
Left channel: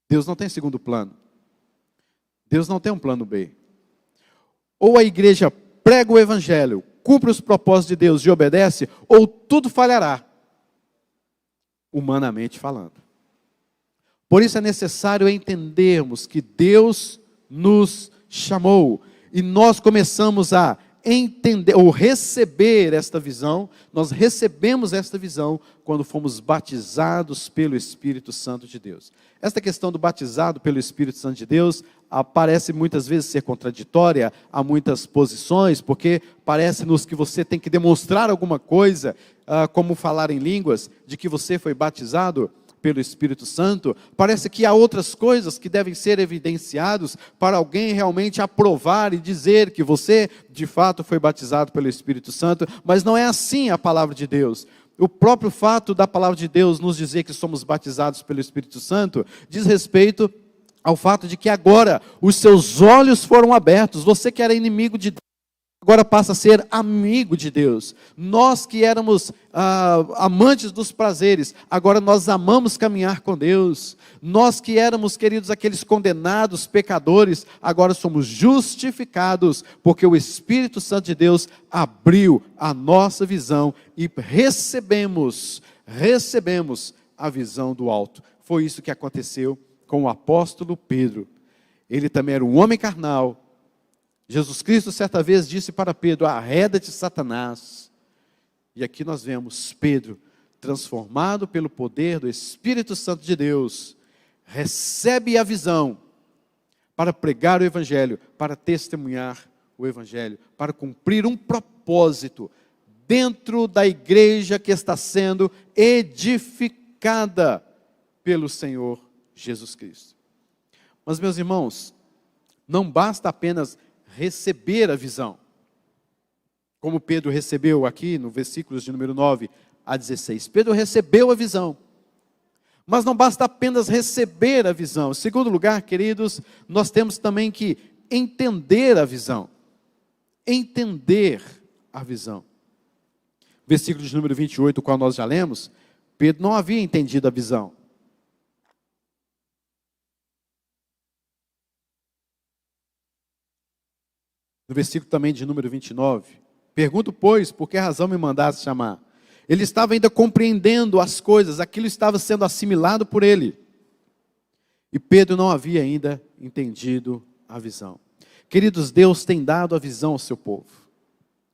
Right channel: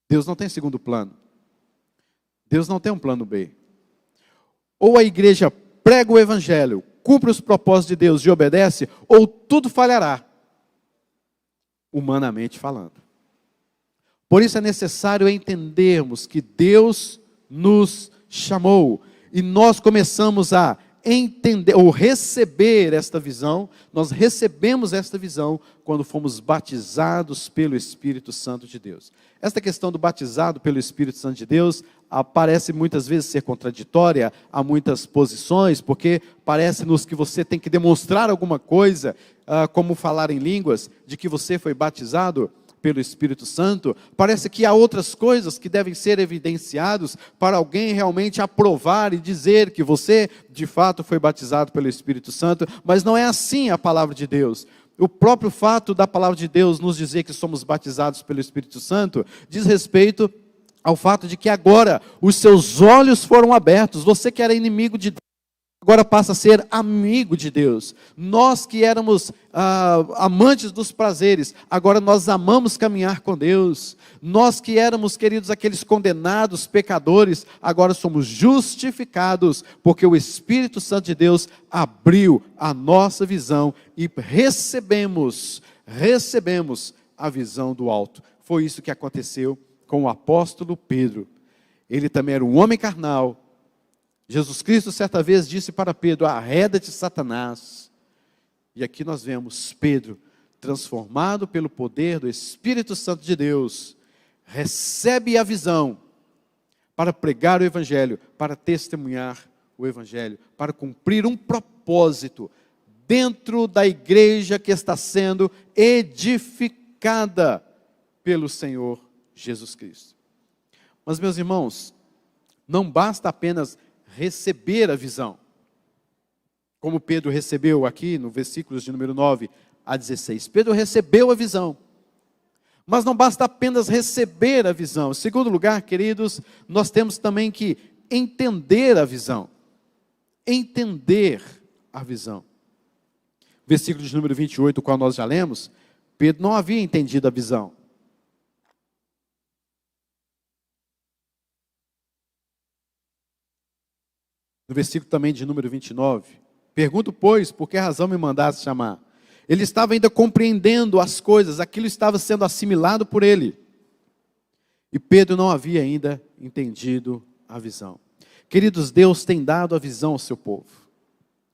Deus não tem segundo plano. Deus não tem um plano B. Ou a igreja prega o evangelho, cumpre os propósitos de Deus e obedece, ou tudo falhará, humanamente falando. Por isso é necessário entendermos que Deus nos chamou. E nós começamos a entender, ou receber esta visão, nós recebemos esta visão quando fomos batizados pelo Espírito Santo de Deus. Esta questão do batizado pelo Espírito Santo de Deus parece muitas vezes ser contraditória a muitas posições, porque parece-nos que você tem que demonstrar alguma coisa, como falar em línguas, de que você foi batizado pelo Espírito Santo. Parece que há outras coisas que devem ser evidenciadas para alguém realmente aprovar e dizer que você de fato foi batizado pelo Espírito Santo, mas não é assim a palavra de Deus. O próprio fato da palavra de Deus nos dizer que somos batizados pelo Espírito Santo diz respeito ao fato de que agora os seus olhos foram abertos. Você que era inimigo de Deus, agora passa a ser amigo de Deus. Nós que éramos amantes dos prazeres, agora nós amamos caminhar com Deus. Nós que éramos, queridos, aqueles condenados, pecadores, agora somos justificados, porque o Espírito Santo de Deus abriu a nossa visão e recebemos a visão do alto. Foi isso que aconteceu com o apóstolo Pedro. Ele também era um homem carnal. Jesus Cristo certa vez disse para Pedro: arreda-te, Satanás. E aqui nós vemos Pedro, transformado pelo poder do Espírito Santo de Deus, recebe a visão para pregar o Evangelho, para testemunhar o Evangelho, para cumprir um propósito dentro da igreja que está sendo edificada pelo Senhor Jesus Cristo. Mas, meus irmãos, não basta apenas receber a visão, como Pedro recebeu aqui no versículos de número 9 a 16. Pedro recebeu a visão, mas não basta apenas receber a visão. Em segundo lugar, queridos, nós temos também que entender a visão. Entender a visão. Versículo de número 28, o qual nós já lemos, Pedro não havia entendido a visão. No versículo também de número 29. Pergunto, pois, por que razão me mandaste chamar? Ele estava ainda compreendendo as coisas, aquilo estava sendo assimilado por ele. E Pedro não havia ainda entendido a visão. Queridos, Deus tem dado a visão ao seu povo,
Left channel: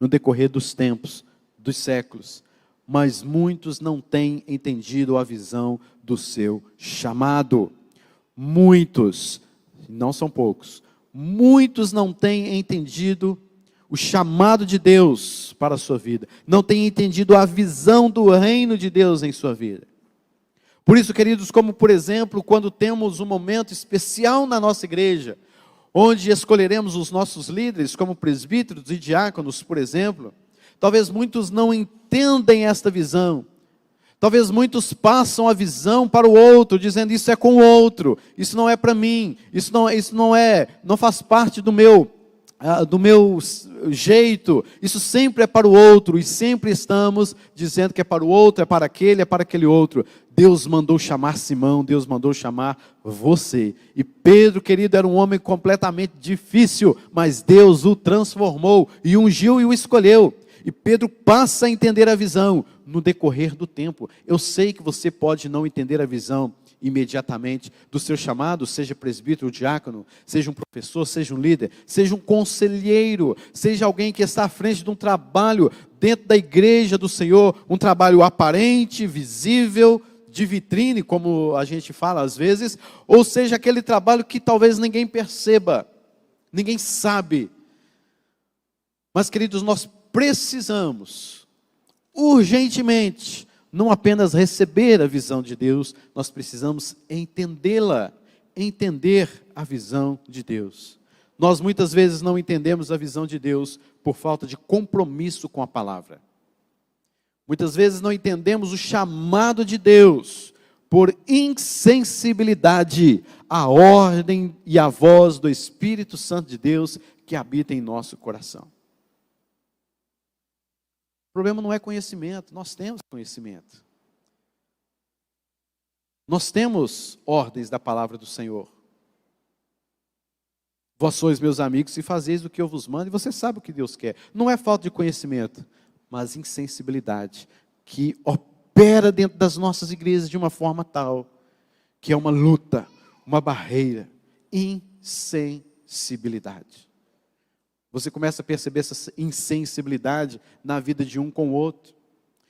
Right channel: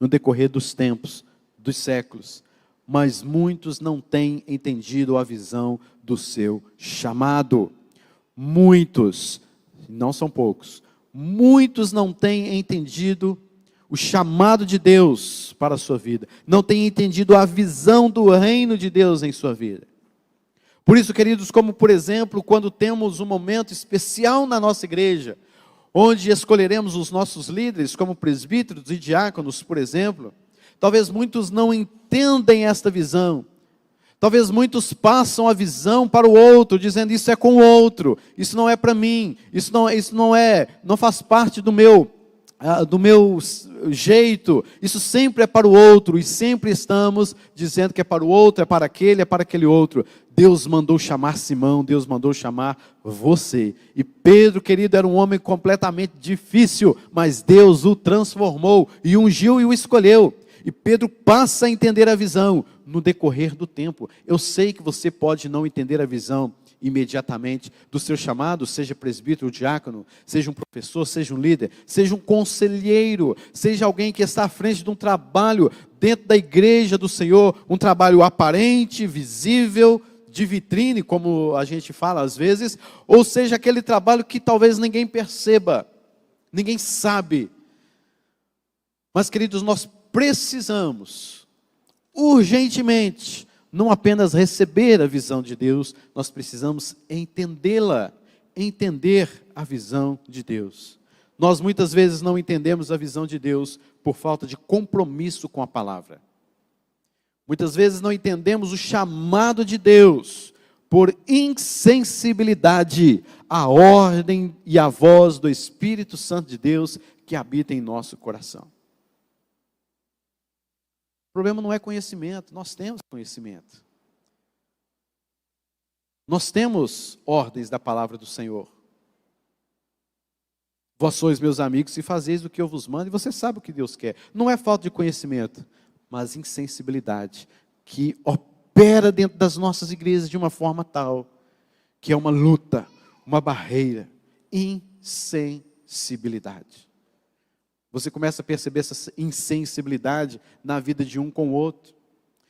no decorrer dos tempos, dos séculos, mas muitos não têm entendido a visão do seu chamado. Muitos, não são poucos, muitos não têm entendido o chamado de Deus para a sua vida, não têm entendido a visão do reino de Deus em sua vida. Por isso, queridos, como por exemplo, quando temos um momento especial na nossa igreja, onde escolheremos os nossos líderes como presbíteros e diáconos, por exemplo, talvez muitos não entendem esta visão. Talvez muitos passam a visão para o outro, dizendo isso é com o outro, isso não é para mim, isso não faz parte do meu jeito, isso sempre é para o outro, e sempre estamos dizendo que é para o outro, é para aquele outro. Deus mandou chamar Simão, Deus mandou chamar você. E Pedro, querido, era um homem completamente difícil, mas Deus o transformou, e ungiu e o escolheu. E Pedro passa a entender a visão no decorrer do tempo. Eu sei que você pode não entender a visão imediatamente do seu chamado, seja presbítero ou diácono, seja um professor, seja um líder, seja um conselheiro, seja alguém que está à frente de um trabalho dentro da igreja do Senhor, um trabalho aparente, visível, de vitrine, como a gente fala às vezes, ou seja aquele trabalho que talvez ninguém perceba, ninguém sabe. Mas, queridos, nós precisamos urgentemente não apenas receber a visão de Deus, nós precisamos entendê-la, entender a visão de Deus. Nós muitas vezes não entendemos a visão de Deus por falta de compromisso com a palavra. Muitas vezes não entendemos o chamado de Deus por insensibilidade à ordem e à voz do Espírito Santo de Deus que habita em nosso coração. O problema não é conhecimento, nós temos conhecimento. Nós temos ordens da palavra do Senhor. Vós sois meus amigos e fazeis o que eu vos mando, e você sabe o que Deus quer. Não é falta de conhecimento, mas insensibilidade, que opera dentro das nossas igrejas de uma forma tal, que é uma luta, uma barreira, insensibilidade. Você começa a perceber essa insensibilidade na vida de um com o outro,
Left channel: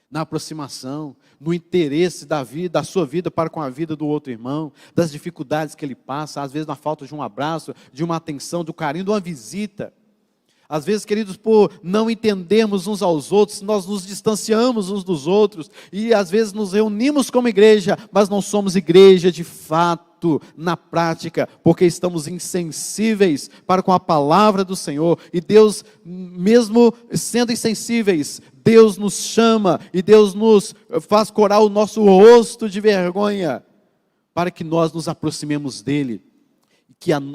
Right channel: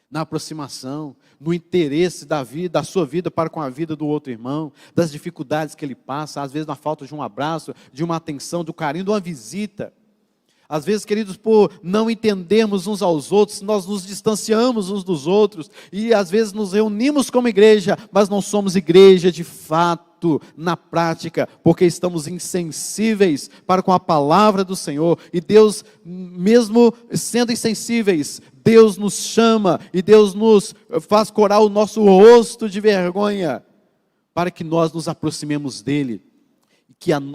na aproximação, no interesse da sua vida para com a vida do outro irmão, das dificuldades que ele passa, às vezes na falta de um abraço, de uma atenção, do carinho, de uma visita. Às vezes, queridos, por não entendermos uns aos outros, nós nos distanciamos uns dos outros, e às vezes nos reunimos como igreja, mas não somos igreja de fato, na prática, porque estamos insensíveis para com a palavra do Senhor, e Deus, mesmo sendo insensíveis, Deus nos chama, e Deus nos faz corar o nosso rosto de vergonha, para que nós nos aproximemos dEle,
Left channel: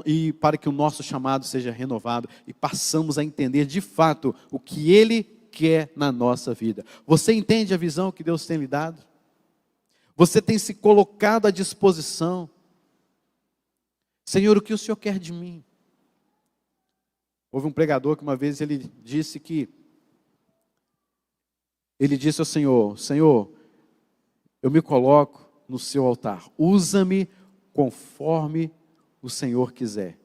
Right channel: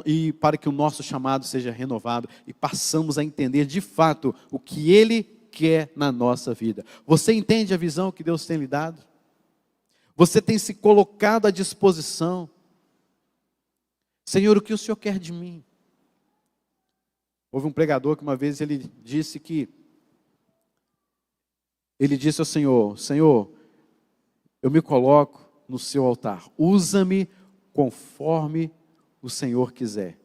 e para que o nosso chamado seja renovado, e passamos a entender de fato o que Ele quer na nossa vida. Você entende a visão que Deus tem lhe dado? Você tem se colocado à disposição? Senhor, o que o Senhor quer de mim? Houve um pregador que uma vez ele disse ao Senhor, Senhor, eu me coloco no seu altar, usa-me conforme o Senhor quiser.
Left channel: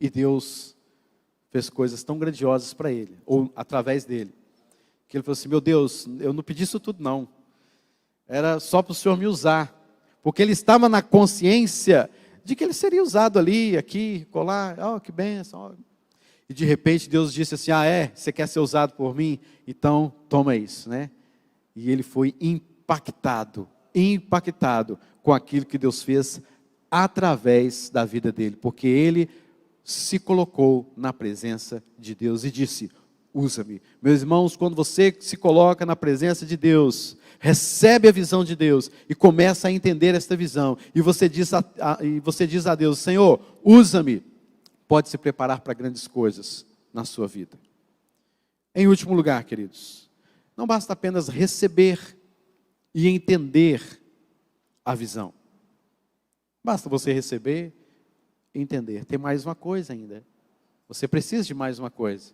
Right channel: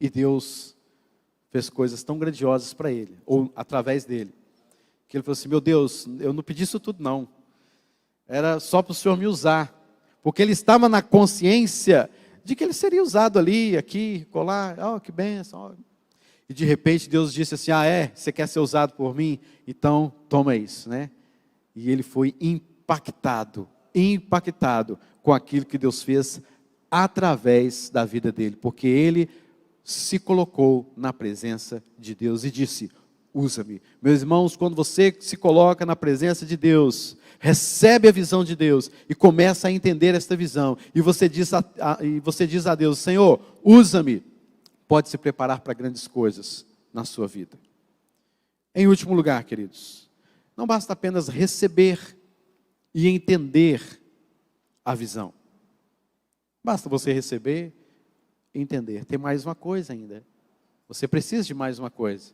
E Deus fez coisas tão grandiosas para ele, ou através dele, que ele falou assim, meu Deus, eu não pedi isso tudo não, era só para o Senhor me usar, porque ele estava na consciência de que ele seria usado ali, aqui, colar, que bênção. E de repente Deus disse assim, você quer ser usado por mim? Então toma isso, né? E ele foi impactado com aquilo que Deus fez através da vida dele, porque ele se colocou na presença de Deus e disse, usa-me. Meus irmãos, quando você se coloca na presença de Deus, recebe a visão de Deus e começa a entender esta visão, e você diz a Deus, Senhor, usa-me, pode se preparar para grandes coisas na sua vida. Em último lugar, queridos, não basta apenas receber e entender a visão. Basta você receber e entender. Tem mais uma coisa ainda. você precisa de mais uma coisa.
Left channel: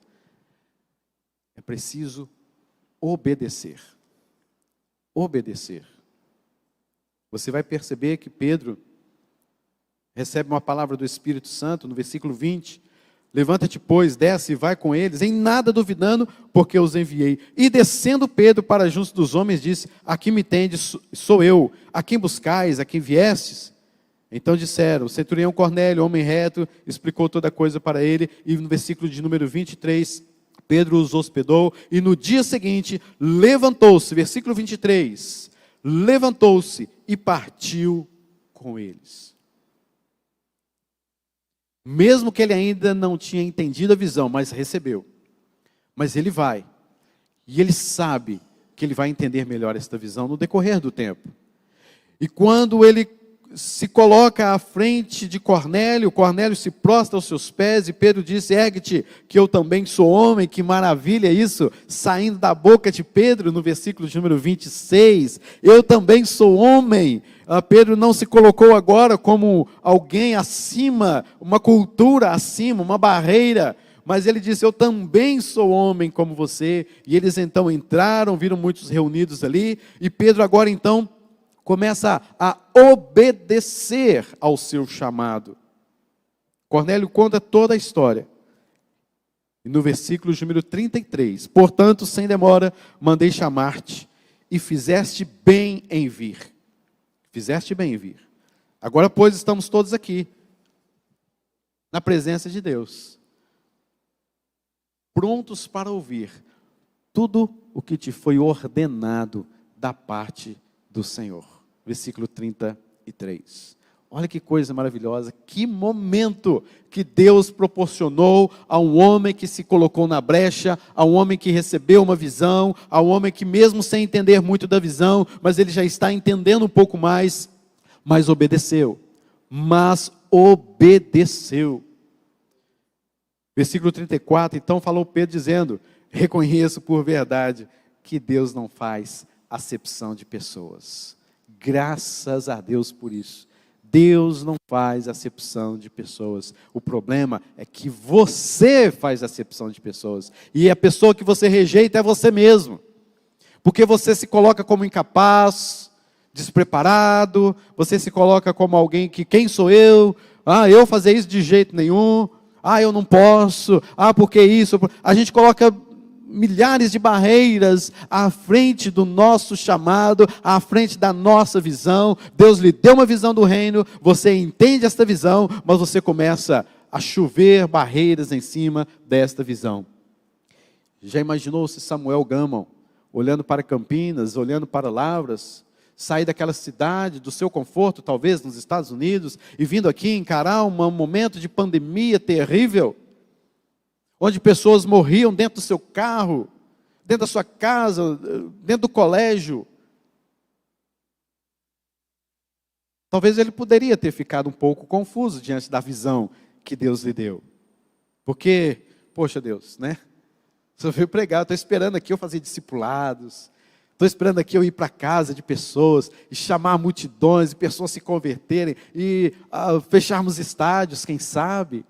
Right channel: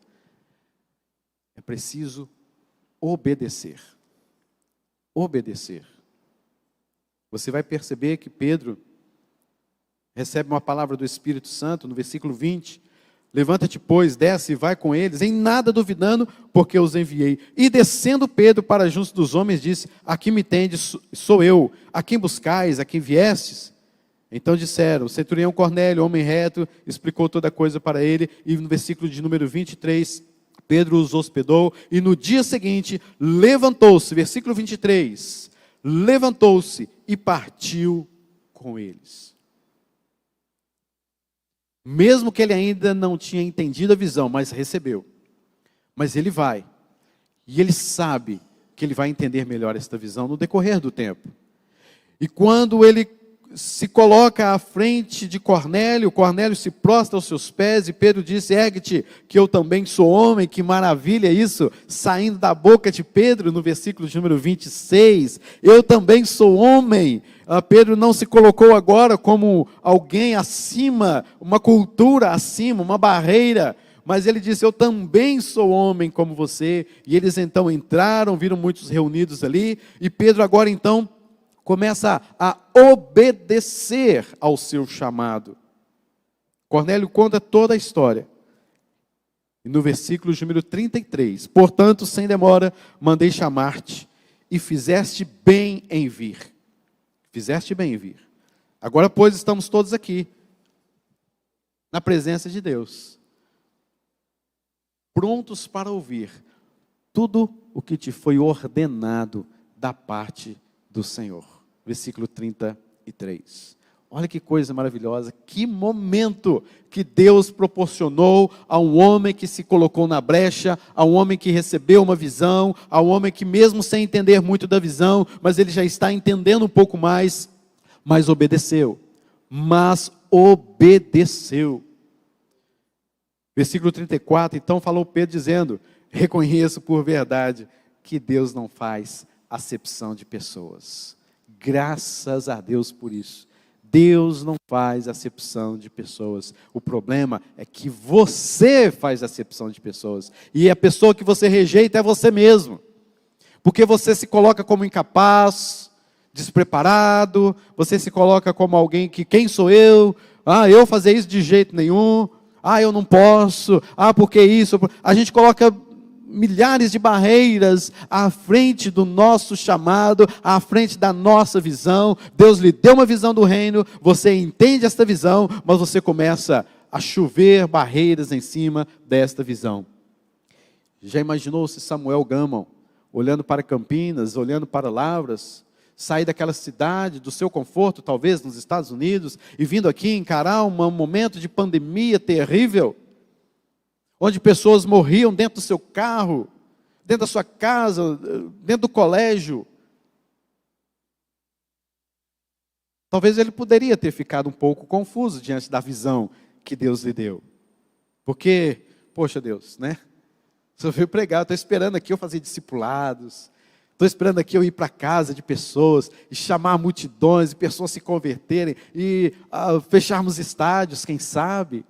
É preciso obedecer. Obedecer. Você vai perceber que Pedro recebe uma palavra do Espírito Santo no versículo 20. Levanta-te, pois, desce e vai com eles, em nada duvidando, porque os enviei. E descendo Pedro para junto dos homens, disse: aqui me tendes, sou eu. A quem buscais, a quem viestes? Então disseram: o centurião Cornélio, homem reto, explicou toda a coisa para ele. E no versículo de número 23, Pedro os hospedou. E no dia seguinte, levantou-se, versículo 23, levantou-se e partiu com eles. Mesmo que ele ainda não tinha entendido a visão, mas recebeu. Mas ele vai. E ele sabe que ele vai entender melhor esta visão no decorrer do tempo. E quando ele se coloca à frente de Cornélio, Cornélio se prostra aos seus pés e Pedro disse: ergue-te, que eu também sou homem. Que maravilha isso, saindo da boca de Pedro no versículo de número 26, eu também sou homem. Pedro não se colocou agora como alguém acima, uma cultura acima, uma barreira, mas ele disse: eu também sou homem como você. E eles então entraram, viram muitos reunidos ali, e Pedro agora então começa a obedecer ao seu chamado. Cornélio conta toda a história. E no versículo número 33, portanto, sem demora, mandei chamar-te, e fizeste bem em vir. Fizeste bem em vir. Agora, pois, estamos todos aqui, na presença de Deus, prontos para ouvir tudo o que te foi ordenado da parte do Senhor. Versículo 33. Olha que coisa maravilhosa, que momento que Deus proporcionou a um homem que se colocou na brecha, a um homem que recebeu uma visão, a um homem que mesmo sem entender muito da visão, mas ele já está entendendo um pouco mais, mas obedeceu. Versículo 34, então falou Pedro dizendo: reconheço por verdade que Deus não faz acepção de pessoas. Graças a Deus por isso. Deus não faz acepção de pessoas. O problema é que você faz acepção de pessoas. E a pessoa que você rejeita é você mesmo. Porque você se coloca como incapaz, despreparado, você se coloca como alguém que, quem sou eu? Eu fazer isso de jeito nenhum. Eu não posso. Porque isso? A gente coloca milhares de barreiras à frente do nosso chamado, à frente da nossa visão. Deus lhe deu uma visão do reino, você entende esta visão, mas você começa a chover barreiras em cima desta visão. Já imaginou se Samuel Gama, olhando para Campinas, olhando para Lavras, sair daquela cidade, do seu conforto, talvez nos Estados Unidos, e vindo aqui encarar um momento de pandemia terrível, onde pessoas morriam dentro do seu carro, dentro da sua casa, dentro do colégio. Talvez ele poderia ter ficado um pouco confuso diante da visão que Deus lhe deu. Porque, poxa Deus, né? Você veio pregar, estou esperando aqui eu fazer discipulados, estou esperando aqui eu ir para a casa de pessoas, e chamar multidões, e pessoas se converterem, e fecharmos estádios, quem sabe.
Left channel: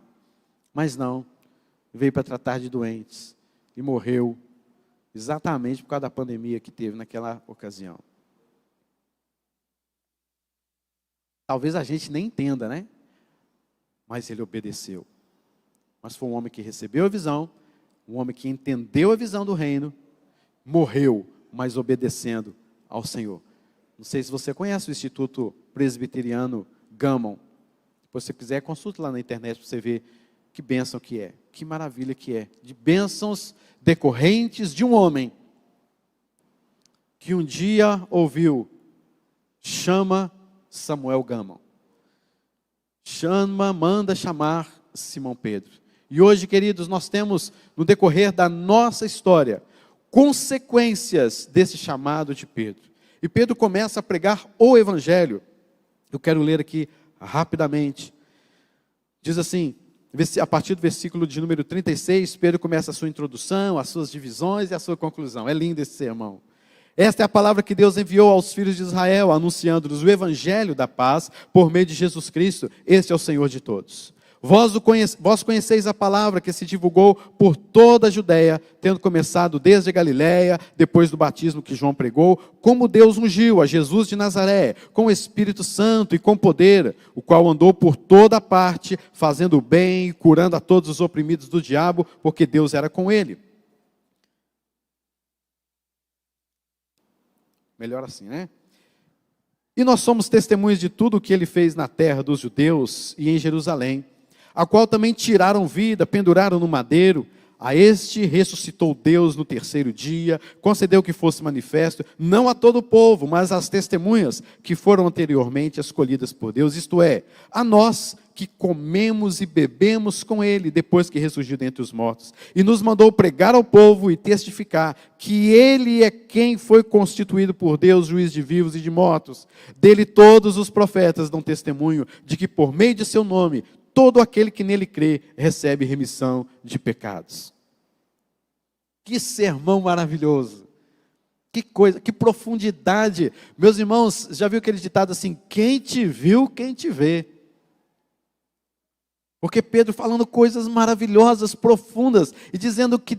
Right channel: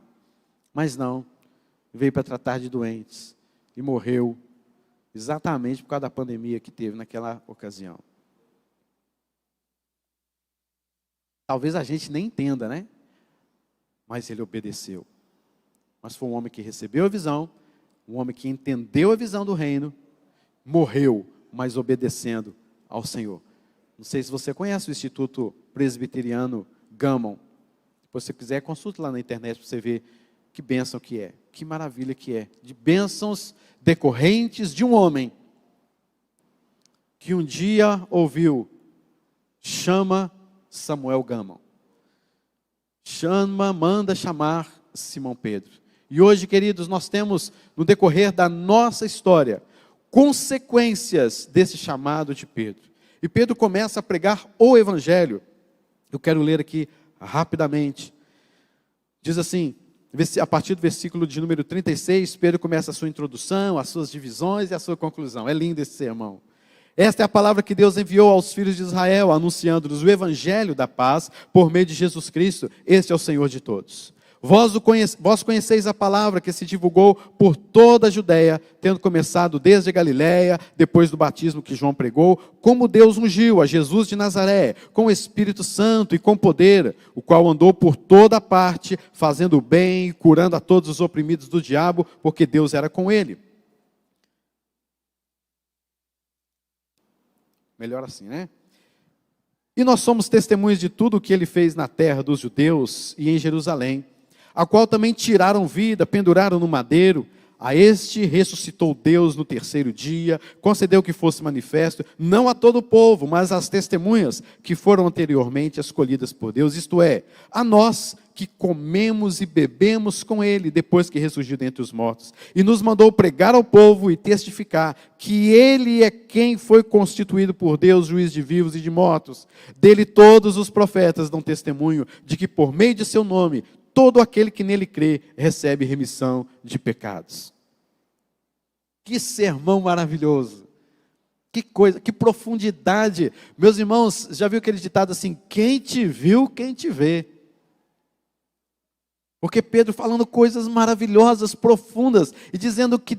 Mas não. Veio para tratar de doentes e morreu exatamente por causa da pandemia que teve naquela ocasião. Talvez a gente nem entenda, né? Mas ele obedeceu. Mas foi um homem que recebeu a visão, um homem que entendeu a visão do reino, morreu, mas obedecendo ao Senhor. Não sei se você conhece o Instituto Presbiteriano Gammon. Se você quiser, consulte lá na internet para você ver que bênção que é, que maravilha que é, de bênçãos decorrentes de um homem que um dia ouviu: chama Samuel Gama, manda chamar Simão Pedro. E hoje, queridos, nós temos no decorrer da nossa história consequências desse chamado de Pedro. E Pedro começa a pregar o evangelho. Eu quero ler aqui rapidamente. Diz assim, a partir do versículo de número 36, Pedro começa a sua introdução, as suas divisões e a sua conclusão. É lindo esse sermão. Esta é a palavra que Deus enviou aos filhos de Israel, anunciando-lhes o evangelho da paz por meio de Jesus Cristo. Este é o Senhor de todos. Vós conheceis a palavra que se divulgou por toda a Judéia, tendo começado desde a Galiléia, depois do batismo que João pregou, como Deus ungiu a Jesus de Nazaré, com o Espírito Santo e com poder, o qual andou por toda parte, fazendo o bem e curando a todos os oprimidos do diabo, porque Deus era com ele. Melhor assim, né? E nós somos testemunhas de tudo o que ele fez na terra dos judeus e em Jerusalém, a qual também tiraram vida, penduraram no madeiro. A este ressuscitou Deus no terceiro dia, concedeu que fosse manifesto, não a todo o povo, mas às testemunhas que foram anteriormente escolhidas por Deus, isto é, a nós que comemos e bebemos com ele, depois que ressurgiu dentre os mortos, e nos mandou pregar ao povo e testificar que ele é quem foi constituído por Deus, juiz de vivos e de mortos. Dele todos os profetas dão testemunho de que por meio de seu nome, todo aquele que nele crê recebe remissão de pecados. Que sermão maravilhoso! Que coisa, que profundidade! Meus irmãos, já viu aquele ditado assim, quem te viu, quem te vê? Porque Pedro falando coisas maravilhosas, profundas, e dizendo que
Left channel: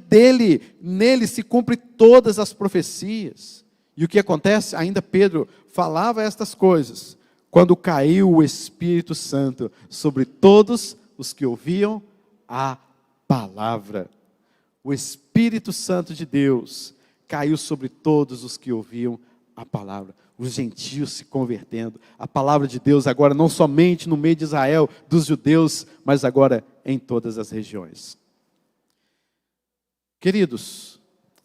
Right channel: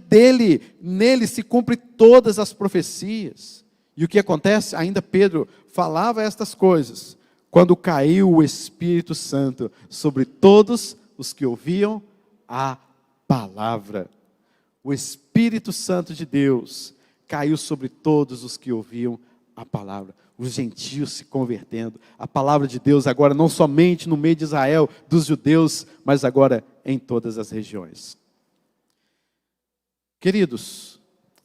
nele se cumpre todas as profecias. E o que acontece? Ainda Pedro falava estas coisas, quando caiu o Espírito Santo sobre todos os que ouviam a palavra. O Espírito Santo de Deus caiu sobre todos os que ouviam a palavra. Os gentios se convertendo. A palavra de Deus agora não somente no meio de Israel, dos judeus, mas agora em todas as regiões. Queridos,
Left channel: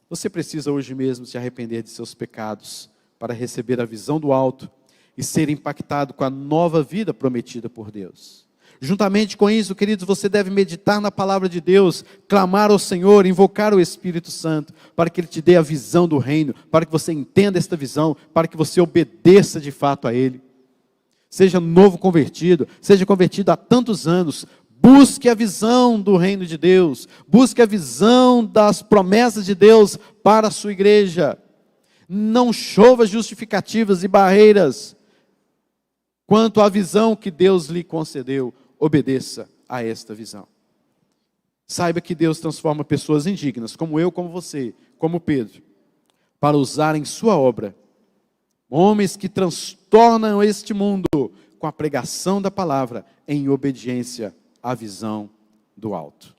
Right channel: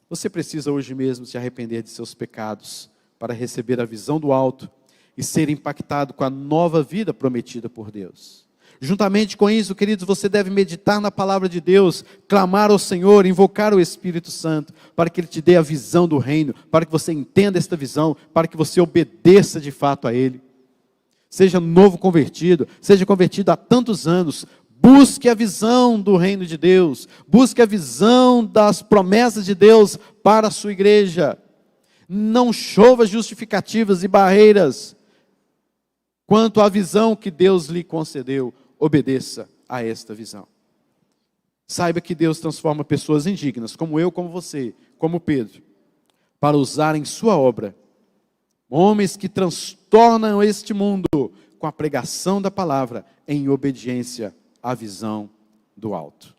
você precisa hoje mesmo se arrepender de seus pecados para receber a visão do alto e ser impactado com a nova vida prometida por Deus. Juntamente com isso, queridos, você deve meditar na palavra de Deus, clamar ao Senhor, invocar o Espírito Santo, para que Ele te dê a visão do reino, para que você entenda esta visão, para que você obedeça de fato a Ele. Seja novo convertido, seja convertido há tantos anos, busque a visão do reino de Deus, busque a visão das promessas de Deus para a sua igreja. Não chova justificativas e barreiras quanto à visão que Deus lhe concedeu, obedeça a esta visão. Saiba que Deus transforma pessoas indignas, como eu, como você, como Pedro, para usar em sua obra, homens que transtornam este mundo com a pregação da palavra em obediência à visão do alto.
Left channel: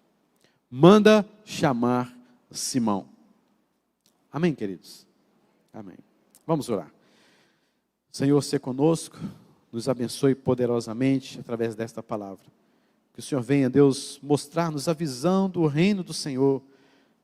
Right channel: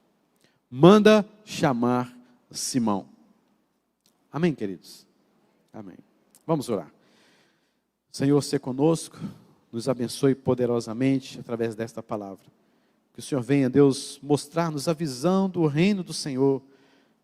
Manda chamar Simão. Amém, queridos? Amém. Vamos orar. Senhor, seja conosco. Nos abençoe poderosamente através desta palavra. Que o Senhor venha, Deus, mostrar-nos a visão do reino do Senhor,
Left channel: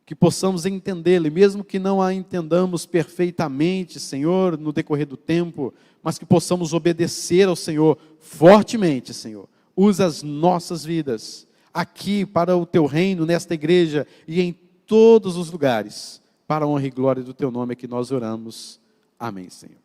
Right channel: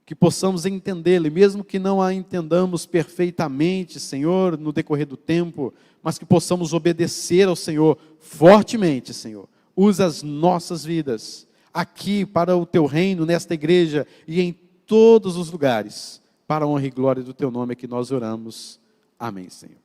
que possamos entendê-la, e mesmo que não a entendamos perfeitamente, Senhor, no decorrer do tempo, mas que possamos obedecer ao Senhor fortemente, Senhor. Usa as nossas vidas aqui para o Teu reino, nesta igreja e em todos os lugares, para a honra e glória do Teu nome é que nós oramos. Amém, Senhor.